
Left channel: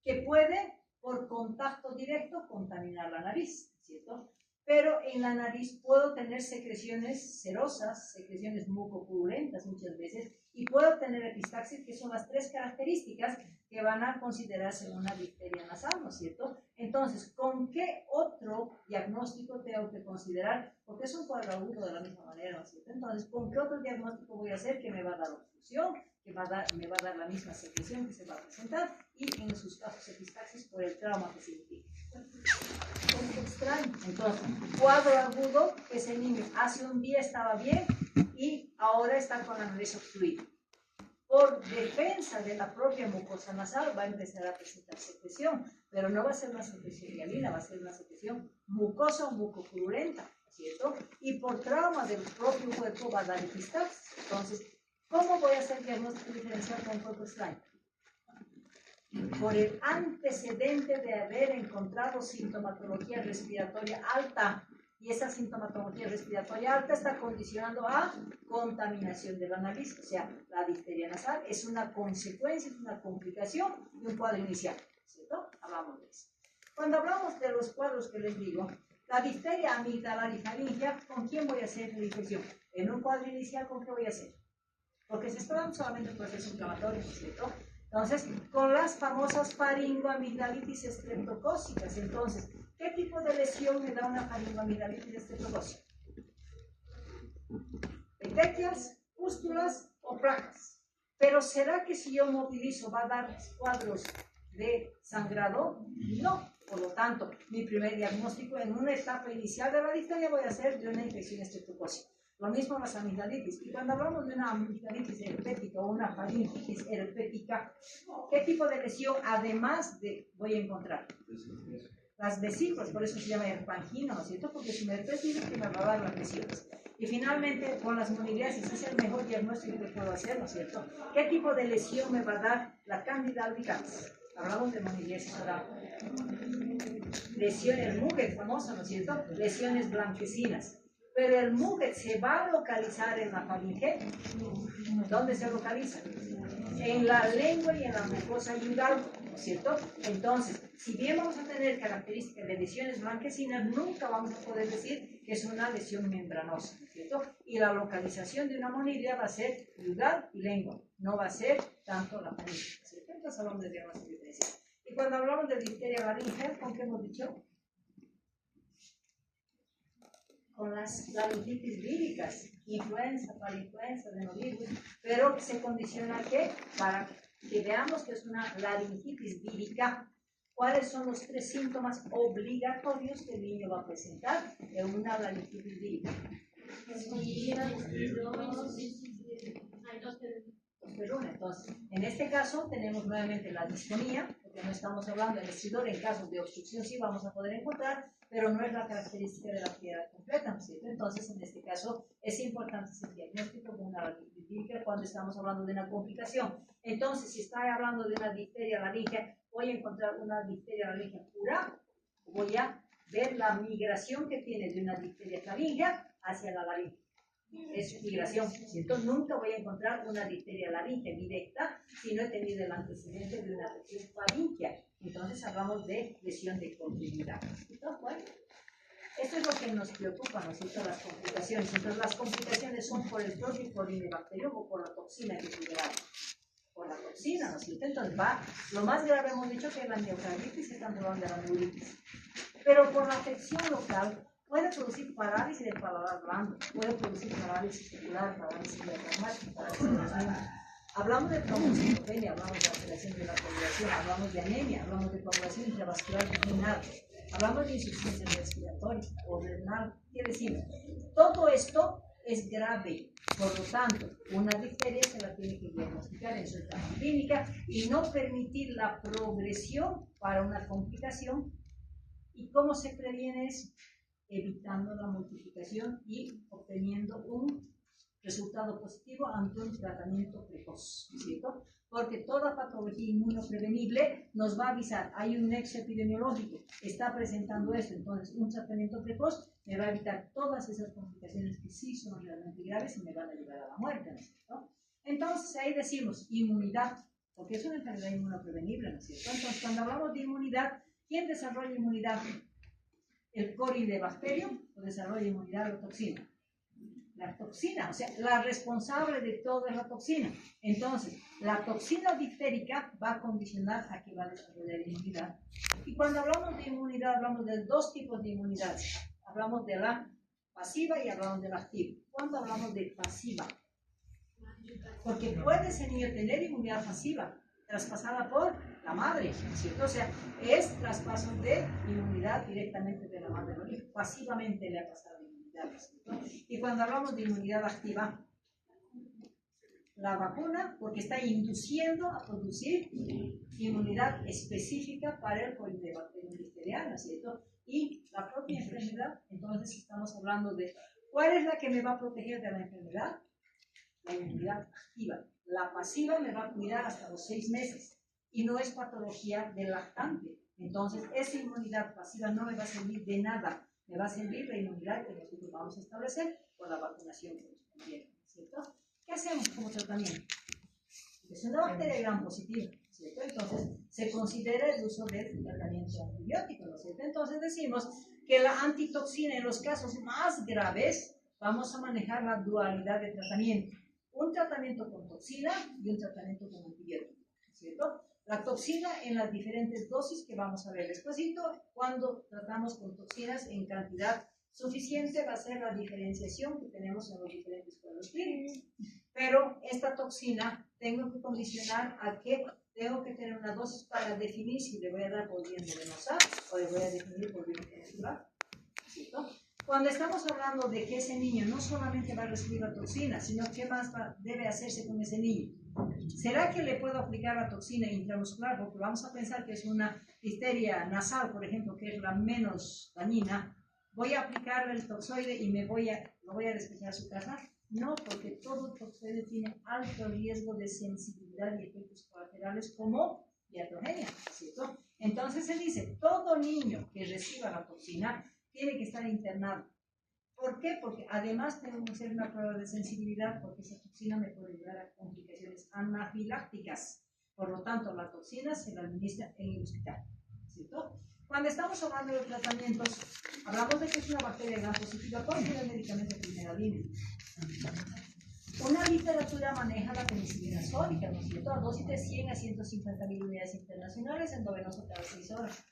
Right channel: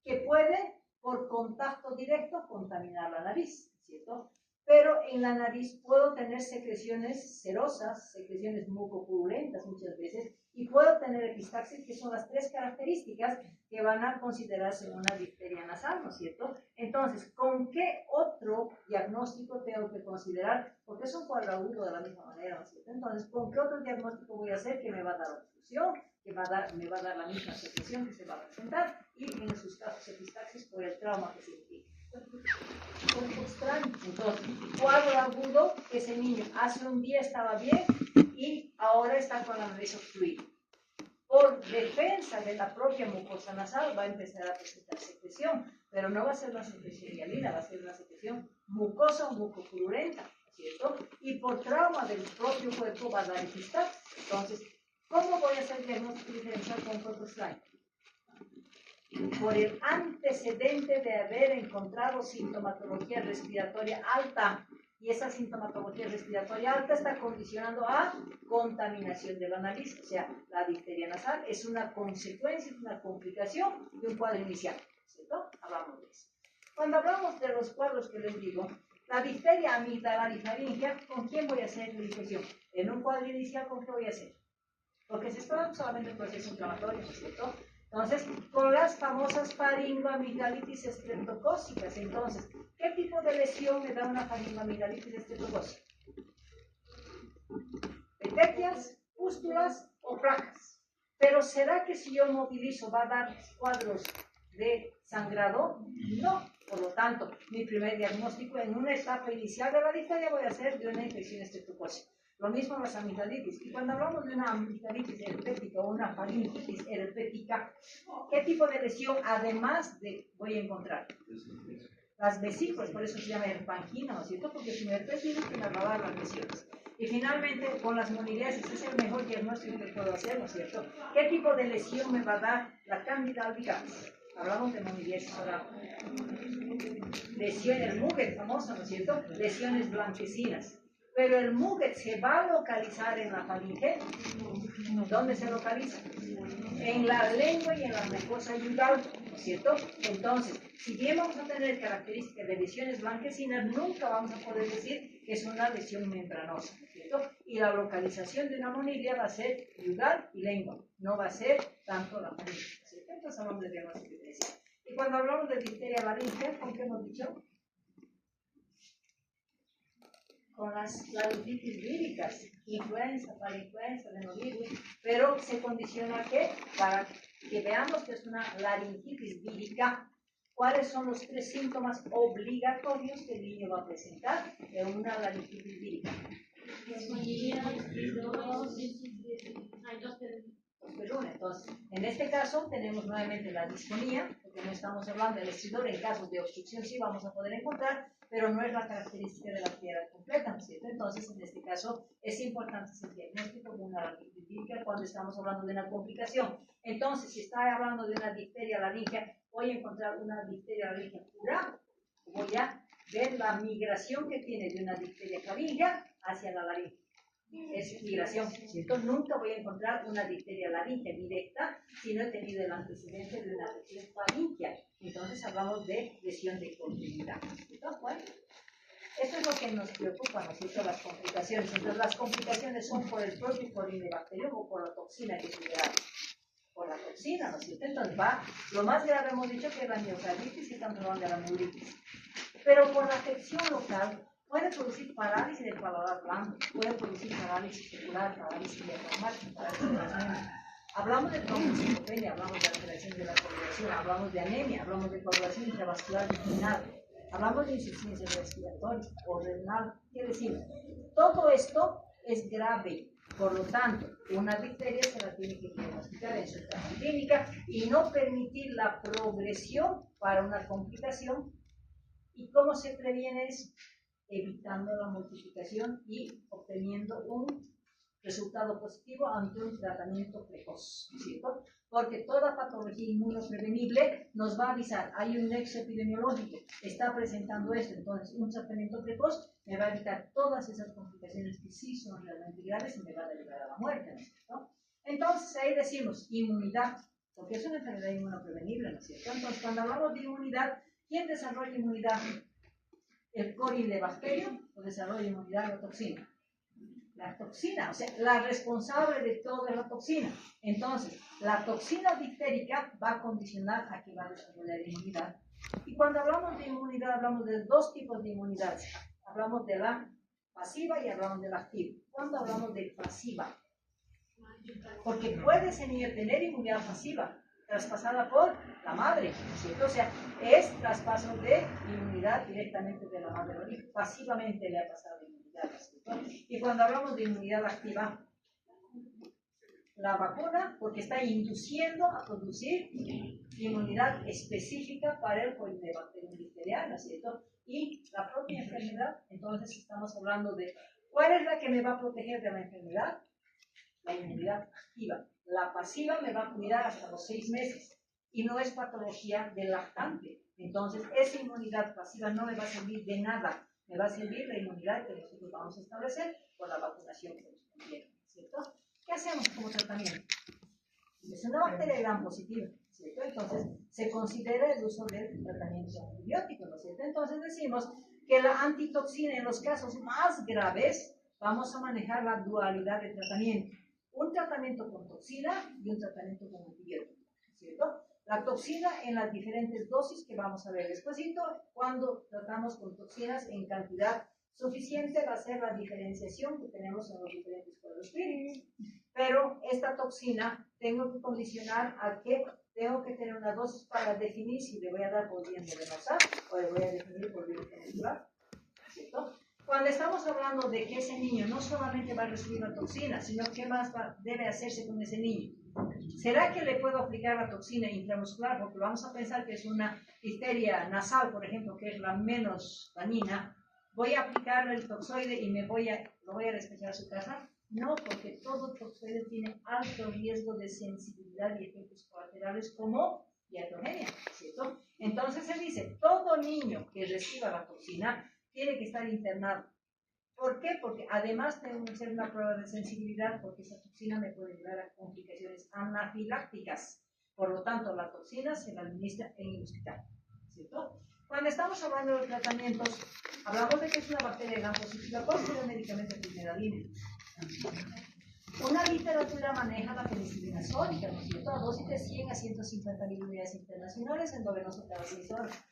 que puede, por contacto directo, contaminar la nariz, ¿cierto? Pero en la nariz puedo tener secreciones serosas, secreciones mucopurulentas muchas veces, y puedo tener epistaxis, que son las tres características que van a considerarse una difteria nasal, ¿no es cierto? Entonces, ¿con qué otro diagnóstico tengo que considerar? Porque es un cuadro agudo de la misma manera, ¿no es cierto? Entonces, ¿con qué otro diagnóstico voy a hacer que me va a dar obstrucción, que me va a dar la misma secreción que se va a presentar, y en sus casos epistaxis por el trauma que se implica? Entonces, cuadro agudo, ese niño hace un día estaba bien y ahora está con la nariz obstruida. Por defensa de la propia mucosa nasal va a empezar a presentar secreción, pero no va a ser una secreción hialina, va a ser una secreción mucosa mucopurulenta, ¿cierto? Y por trauma del propio cuerpo va a dar epistaxis. Entonces, ¿cómo voy a hacer diagnóstico diferencial con corpus slime? Por el antecedente de haber encontrado sintomatología respiratoria alta, y esa sintomatología respiratoria alta está condicionando a contaminación de la nariz, o sea, la difteria nasal es una consecuencia, es una complicación de un cuadro inicial, ¿cierto? Hablamos de eso. Cuando hablamos de los cuadros que les digo, la difteria amigdalarifaringea, ¿con quién voy a hacer la infección? En un cuadro inicial, ¿con qué voy a hacer? Porque se está dando solamente el proceso inflamatorio, ¿cierto? Entonces, con las famosas faringoamigdalitis estreptocócicas. Entonces, ¿qué tipo de lesión me da una faringoamigdalitis estreptocócica? Petequias, pústulas o placas. Pero ¿será que si yo movilizo va a dar cuadros de sangrado? No. Por lo tanto, mi primer diagnóstico en una etapa inicial de la difteria voy a hacer de una infección estreptocócica. Lo mismo las amigdalitis. Y cuando hablamos de una amigdalitis herpética o una faringitis herpética, ¿qué tipo de lesión además de voy a encontrar? Las vesículas, por eso se llama herpangina, ¿no es cierto? Porque es un herpes virus que me va a dar las lesiones. Y finalmente, con las moniliasis, es el mejor diagnóstico que puedo hacer, ¿no es cierto? ¿Qué tipo de lesión me va a dar la Candida albicans? Hablamos de moniliasis oral. Lesiones, el Muget famoso, ¿no es cierto? Lesiones blanquecinas. Pero el Muget se va a localizar en la faringe. ¿Dónde se localiza? En la lengua y en la mucosa yudal, ¿no es cierto? Entonces, si bien vamos a tener características de lesiones blanquecinas, nunca vamos a poder decir que es una lesión membranosa, ¿no es cierto? Y la localización de una monilia va a ser yudal y lengua, no va a ser tanto la faringe, ¿no es cierto? Entonces hablamos de diagnóstico diferencial. Y cuando hablamos de difteria laringea, ¿con qué hemos dicho? Con las laringitis víricas, influenza, parainfluenza, adenovirus, pero se condiciona que para que veamos que es una laringitis vírica, ¿cuáles son los 3 síntomas obligatorios que el niño va a presentar en una laringitis vírica? Entonces, en este caso tenemos nuevamente la disfonía, porque no estamos hablando del estridor, en casos de obstrucción sí vamos a poder encontrar, pero no es la característica de la actividad completa, ¿no es cierto? Entonces, en este caso, es importante ese diagnóstico de una laringitis vírica cuando estamos hablando de una complicación. Entonces, si está hablando de una difteria laringea, voy a encontrar una difteria laringea pura, voy a ver la migración que tiene de una difteria laringea hacia la laringe. Es migración, ¿cierto? Nunca voy a encontrar una difteria laringea directa si no he tenido el antecedente de una lesión faríngea. Entonces hablamos de lesión de continuidad, ¿cierto? Bueno, eso es lo que nos preocupa, ¿no es cierto? Las complicaciones. Entonces las complicaciones son por el propio corinebacterium o por la toxina que se libera. Por la toxina, ¿no es cierto? Entonces va, lo más grave hemos dicho que es la miocarditis y estamos hablando de la neuritis. Pero por la afección local, puede producir parálisis del paladar blando, puede producir parálisis ocular, parálisis diafragmática, parálisis de. Hablamos de trombocitopenia, hablamos de alteración de la coagulación, hablamos de anemia, hablamos de coagulación intravascular renal, hablamos de insuficiencia respiratoria o renal. ¿Qué decimos? Todo esto es grave, por lo tanto, una difteria se la tiene que diagnosticar en su etapa clínica y no permitir la progresión para una complicación. ¿Y cómo se previene eso? Evitando la multiplicación y obteniendo un resultado positivo ante un tratamiento precoz, ¿cierto? Porque toda patología inmunoprevenible nos va a avisar, hay un nexo epidemiológico, está presentando esto, entonces un tratamiento precoz me va a evitar todas esas complicaciones que sí son realmente graves y me van a llevar a la muerte, ¿no es cierto? Entonces ahí decimos inmunidad, porque es una enfermedad inmunoprevenible, ¿no es cierto? Entonces cuando hablamos de inmunidad, ¿quién desarrolla inmunidad? El corinebacterium o desarrolla inmunidad a la toxina. La toxina, o sea, la responsable de todo es la toxina. Entonces, la toxina difterica va a condicionar a que va a desarrollar inmunidad. Y cuando hablamos de inmunidad, hablamos de 2 tipos de inmunidad. Hablamos de la pasiva y hablamos de la activa. ¿Cuándo hablamos de pasiva? Porque puede ese niño tener inmunidad pasiva, traspasada por la madre, ¿cierto? O sea, es traspaso de inmunidad directamente de la madre al hijo. Pasivamente le ha pasado inmunidad, ¿cierto? Y cuando hablamos de inmunidad activa, la vacuna, porque está induciendo a producir inmunidad específica para el corinebacterium difteriano, ¿cierto? Y la propia enfermedad, entonces estamos hablando de ¿cuál es la que me va a proteger de la enfermedad? La inmunidad activa. La pasiva me va a cuidar hasta los 6 meses y no es patología del lactante. Entonces, esa inmunidad pasiva no me va a servir de nada. Me va a servir la inmunidad que nosotros vamos a establecer por la vacunación correspondiente, ¿cierto? ¿Qué hacemos como tratamiento? Es una bacteria gram positiva, ¿cierto? Entonces, se considera el uso del tratamiento antibiótico, ¿no es cierto? Entonces, decimos que la antitoxina en los casos más graves, vamos a manejar la dualidad de tratamiento. Un tratamiento con toxina y un tratamiento con antibiótico, ¿cierto? La toxina en las diferentes dosis que vamos a ver despuesito, cuando tratamos con toxinas en cantidad suficiente va a ser la diferenciación que tenemos en los diferentes cuadros clínicos. Pero esta toxina tengo que condicionar a que tengo que tener una dosis para definir si le voy a dar por bien venenosa o le voy a definir por bien natural, ¿cierto? Cuando estamos hablando de que ese niño no solamente va a recibir la toxina, sino qué más debe hacerse con ese niño. ¿Será que le puedo aplicar la toxina intramuscular? Porque vamos a pensar que es una difteria nasal, por ejemplo, que es la menos dañina. ¿Voy a aplicarle el toxoide y lo voy a despejar a su casa? No, porque todo toxoide tiene alto riesgo de sensibilidad y efectos colaterales como iatrogenia, ¿cierto? Entonces se dice, todo niño que reciba la toxina tiene que estar internado. ¿Por qué? Porque además tengo que hacer una prueba de sensibilidad porque esa toxina me puede llevar a complicaciones anafilácticas. Por lo tanto, la toxina se la administra en el hospital, ¿cierto? Cuando estamos hablando de tratamientos, hablamos de que es una bacteria gram positiva. ¿Cuál es el medicamento de primera línea? Una literatura maneja la penicilina sódica, ¿no es cierto? A dosis de 100 a 150.000 unidades internacionales endovenoso cada 6 horas.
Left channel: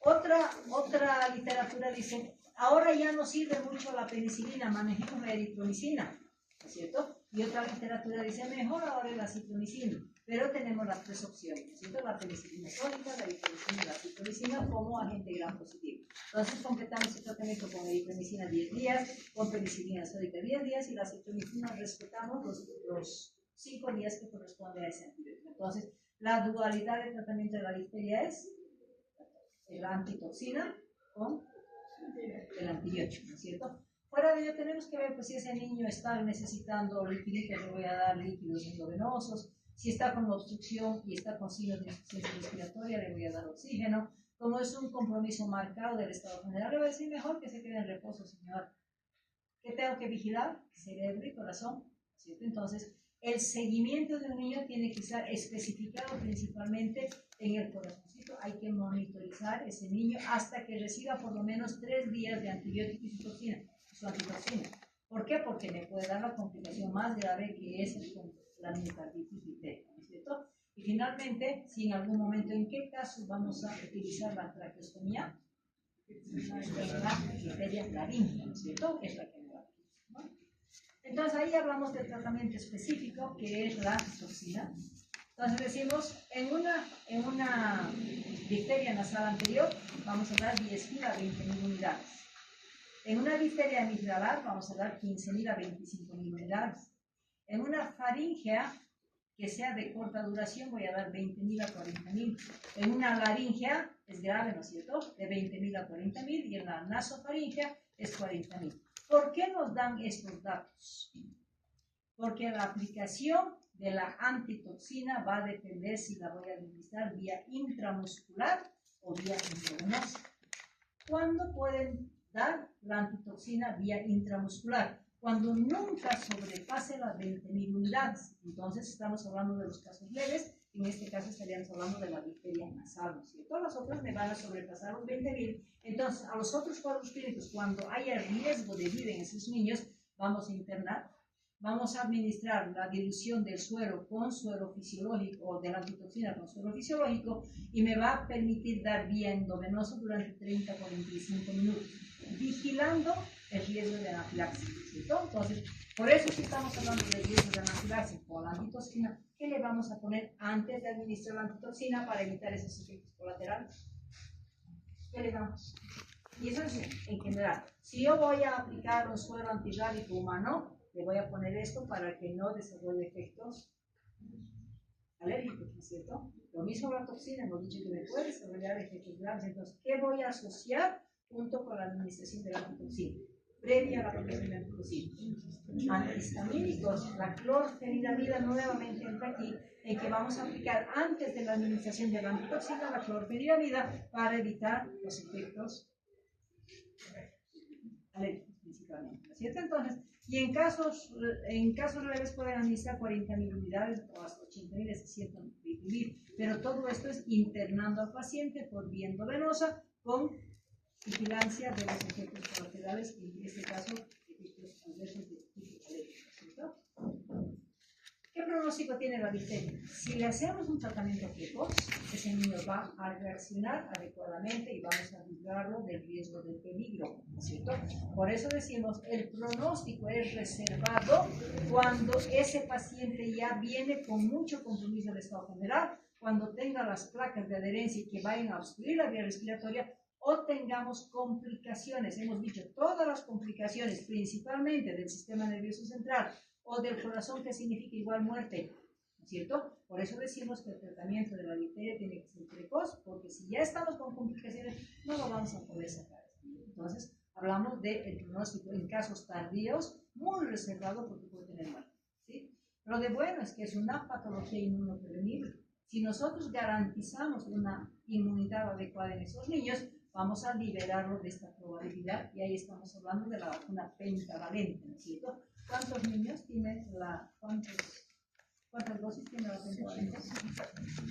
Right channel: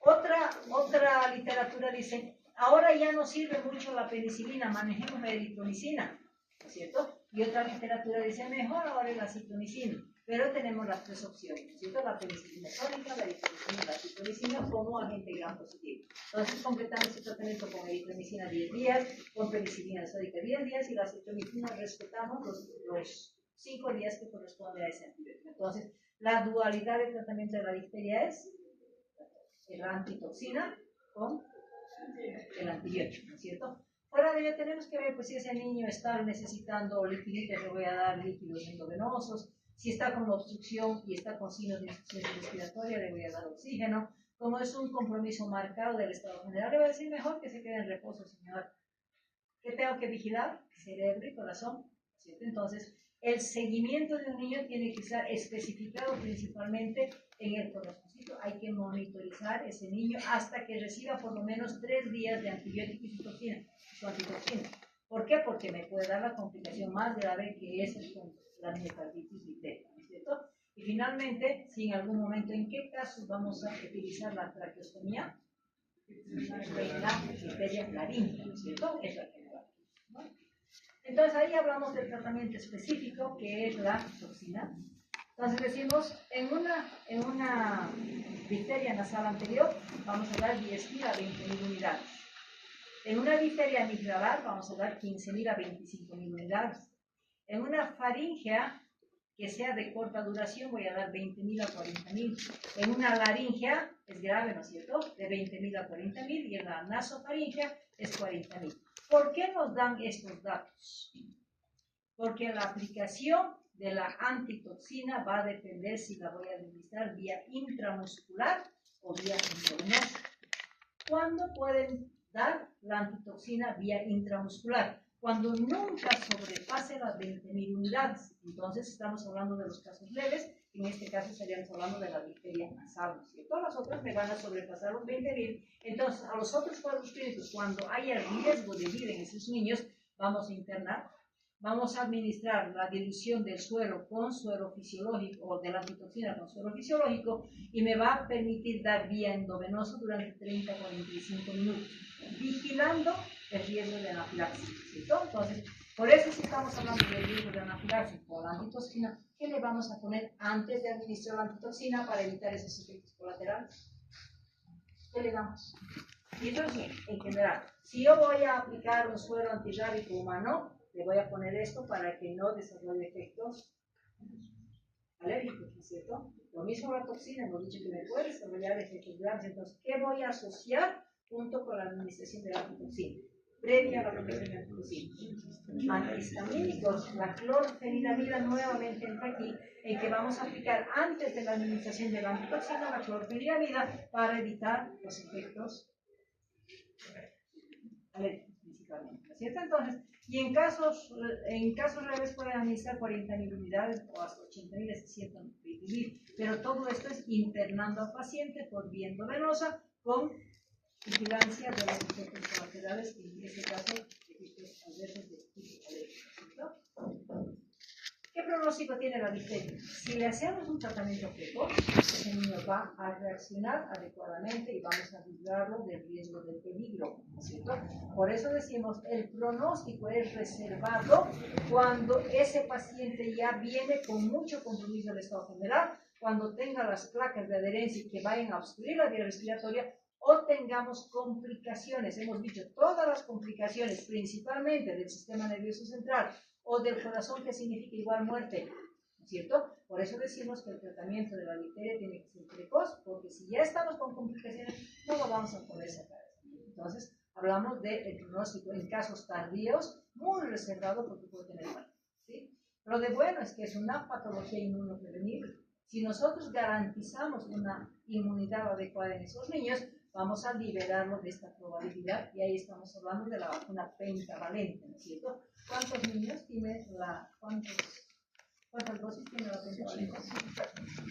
Otra literatura dice, ahora ya no sirve mucho la penicilina, manejemos la eritromicina, ¿no es cierto? Y otra literatura dice, mejor ahora la citromicina. Pero tenemos las tres opciones, ¿no es cierto? La penicilina sódica, la eritromicina y la citromicina como agente gram positivo. Entonces completamos el tratamiento con eritromicina 10 días, con penicilina sódica 10 días y la citromicina respetamos los 5 días que corresponden a ese antibiótico. Entonces, la dualidad de tratamiento de la difteria es la antitoxina con el antibiótico, ¿no es cierto? Fuera de ello tenemos que ver pues, si ese niño está necesitando liquiditos, le voy a dar líquidos endovenosos. Si está con obstrucción y está con signos de insuficiencia respiratoria, le voy a dar oxígeno. Como es un compromiso marcado del estado general, le voy a decir mejor que se quede en reposo, señor. ¿Qué tengo que vigilar? Cerebro y corazón, ¿cierto? Entonces, el seguimiento de un niño tiene que estar especificado principalmente en el corazoncito. Hay que monitorizar ese niño hasta que reciba por lo menos 3 días de antibiótico y su antitoxina. ¿Por qué? Porque me puede dar la complicación más grave que es la miocarditis bacteriana, ¿no es cierto? Y finalmente, si en algún momento, ¿en qué casos vamos a utilizar la traqueostomía? La difteria laríngea, ¿no es cierto? Es la que me va, ¿no? Entonces ahí hablamos del tratamiento específico que es la toxina. Entonces decimos, en una difteria nasal anterior vamos a dar 10.000 a 20.000 unidades. En una difteria amigdalar vamos a dar 15.000 a 25.000 unidades. En una faringea que sea de corta duración voy a dar 20.000 a 40.000. En una laringea es grave, ¿no es cierto? De 20.000 a 40.000 y en la nasofaringea es 40.000. ¿Por qué nos dan estos datos? Porque la aplicación de la antitoxina va a depender si la voy a administrar vía intramuscular o vía intravenosa. ¿Cuándo pueden dar la antitoxina vía intramuscular? Cuando nunca sobrepase las 20.000 unidades. Entonces estamos hablando de los casos leves, en este caso estaríamos hablando de la difteria nasal, ¿no es cierto? Las otras me van a sobrepasar los 20.000. Entonces, a los otros cuadros clínicos, cuando haya riesgo de vida en esos niños, vamos a internar, vamos a administrar la dilución del suero con suero fisiológico o de la antitoxina con suero fisiológico y me va a permitir dar vía endovenosa durante 30 a 45 minutos, vigilando el riesgo de anafilaxis, ¿cierto? Entonces, por eso si estamos hablando del riesgo de anafilaxis con la antitoxina, ¿qué le vamos a poner antes de administrar la antitoxina para evitar esos efectos colaterales? ¿Qué le damos? Y eso es en general. Si yo voy a aplicar un suero antirrábico humano, le voy a poner esto para que no desarrolle efectos alérgicos, ¿no es cierto? Lo mismo la toxina, hemos dicho que me puede desarrollar efectos graves. Entonces, ¿qué voy a asociar junto con la administración de la antitoxina? Previa a la aplicación de la antitoxina. Antihistamínicos, la clorfeniramida nuevamente entra aquí, en que vamos a aplicar antes de la administración de la antitoxina la clorfeniramida para evitar los efectos alérgicos principalmente, ¿no es cierto? Entonces, y en casos leves pueden administrar 40.000 unidades o hasta 80.000, hasta 120.000, pero todo esto es internando al paciente por vía endovenosa con vigilancia de los efectos colaterales, en este caso, efectos adversos de tipo alérgico, ¿cierto? ¿Qué pronóstico tiene la difteria? Si le hacemos un tratamiento precoz, ese niño va a reaccionar adecuadamente y vamos a librarlo del riesgo del peligro, ¿cierto? Por eso decimos, el pronóstico es reservado cuando ese paciente ya viene con mucho compromiso del estado general, cuando tenga las placas de adherencia que vayan a obstruir la vía respiratoria o tengamos complicaciones. Hemos dicho todas las complicaciones, principalmente del sistema nervioso central, o del corazón, que significa igual muerte, ¿no es cierto? Por eso decimos que el tratamiento de la difteria tiene que ser precoz, porque si ya estamos con complicaciones, no lo vamos a poder sacar. Entonces, hablamos del pronóstico en casos tardíos, muy reservado porque puede tener muerte, ¿sí? Lo de bueno es que es una patología inmunoprevenible. Si nosotros garantizamos una inmunidad adecuada en esos niños, vamos a liberarlo de esta probabilidad, y ahí estamos hablando de la vacuna pentavalente, ¿no es cierto? ¿Cuántos niños tiene cuántas dosis tiene la pentavalente?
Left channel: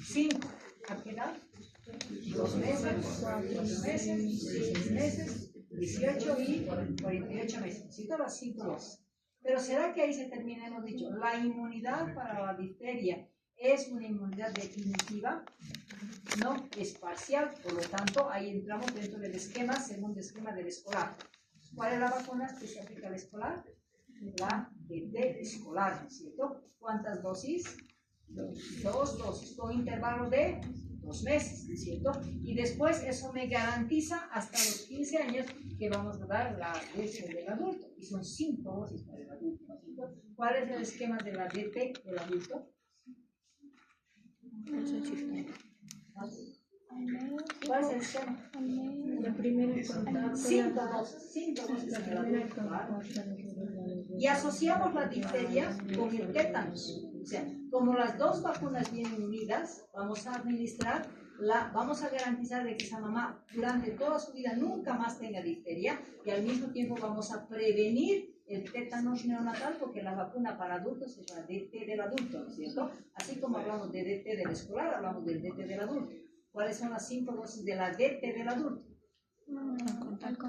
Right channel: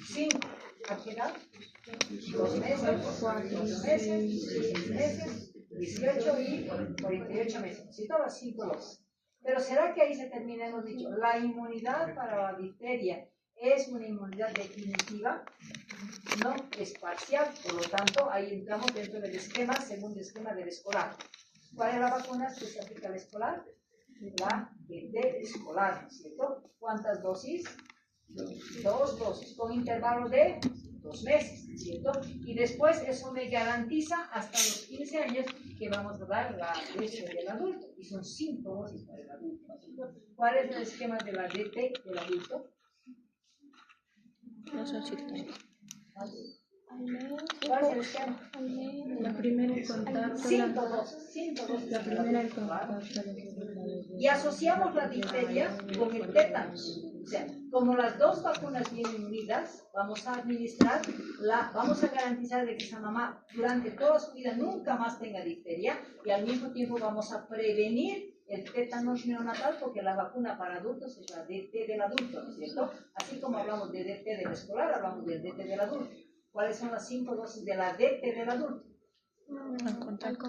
5. ¿A qué edad? 2 meses, 4 meses, 6 meses, 18 y 48 meses. ¿Sí? Todas 5 dosis. Pero ¿será que ahí se termina? Hemos dicho, la inmunidad para la difteria es una inmunidad definitiva, no es parcial, por lo tanto, ahí entramos dentro del esquema, segundo esquema del escolar. ¿Cuál es la vacuna que se aplica al escolar? La DT escolar, ¿cierto? ¿Cuántas dosis? 2 dosis, con intervalo de 2 meses, ¿cierto? Y después eso me garantiza hasta los 15 años que vamos a dar la leche del adulto, y son 5 dosis para el adulto, ¿cierto? ¿Cuál es el esquema de la DT del adulto? No son chistes. ¿Cuál es el esquema? La primera en contacto. 5 dosis La para el primera en adulto, ¿verdad? contacto. Y asociamos la difteria con el tétanos. O sea, como las dos vacunas vienen unidas, vamos a administrar, vamos a garantizar de que esa mamá durante toda su vida nunca más tenga difteria, y al mismo tiempo vamos a prevenir el tétanos neonatal, porque la vacuna para adultos es la DT del adulto, ¿no es cierto? Así como hablamos de DT del escolar, hablamos del DT del adulto. ¿Cuáles son las 5 dosis de la DT del adulto? Al contacto.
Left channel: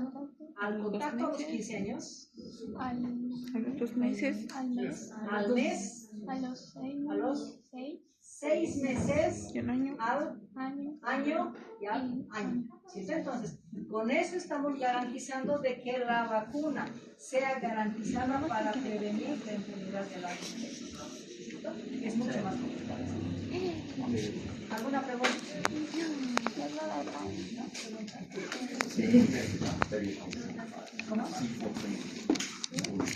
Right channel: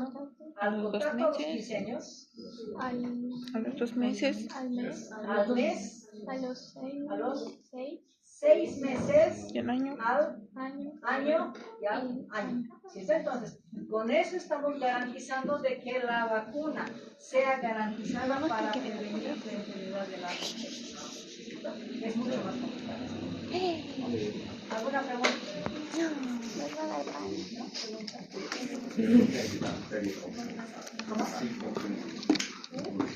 Al contacto a los 15 años, A los 2 meses. Al mes. al mes, A los 6. a los Seis 6 meses, Y un año. al años. año y al año. ¿Cierto? Entonces, con eso estamos garantizando de que la vacuna sea garantizada para prevenir la enfermedad de la infección. Es mucho más complicado. ¿Alguna pregunta? ¿Cómo?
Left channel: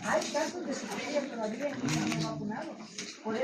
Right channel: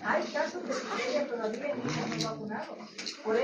Hay casos de que todavía no estamos vacunados. Por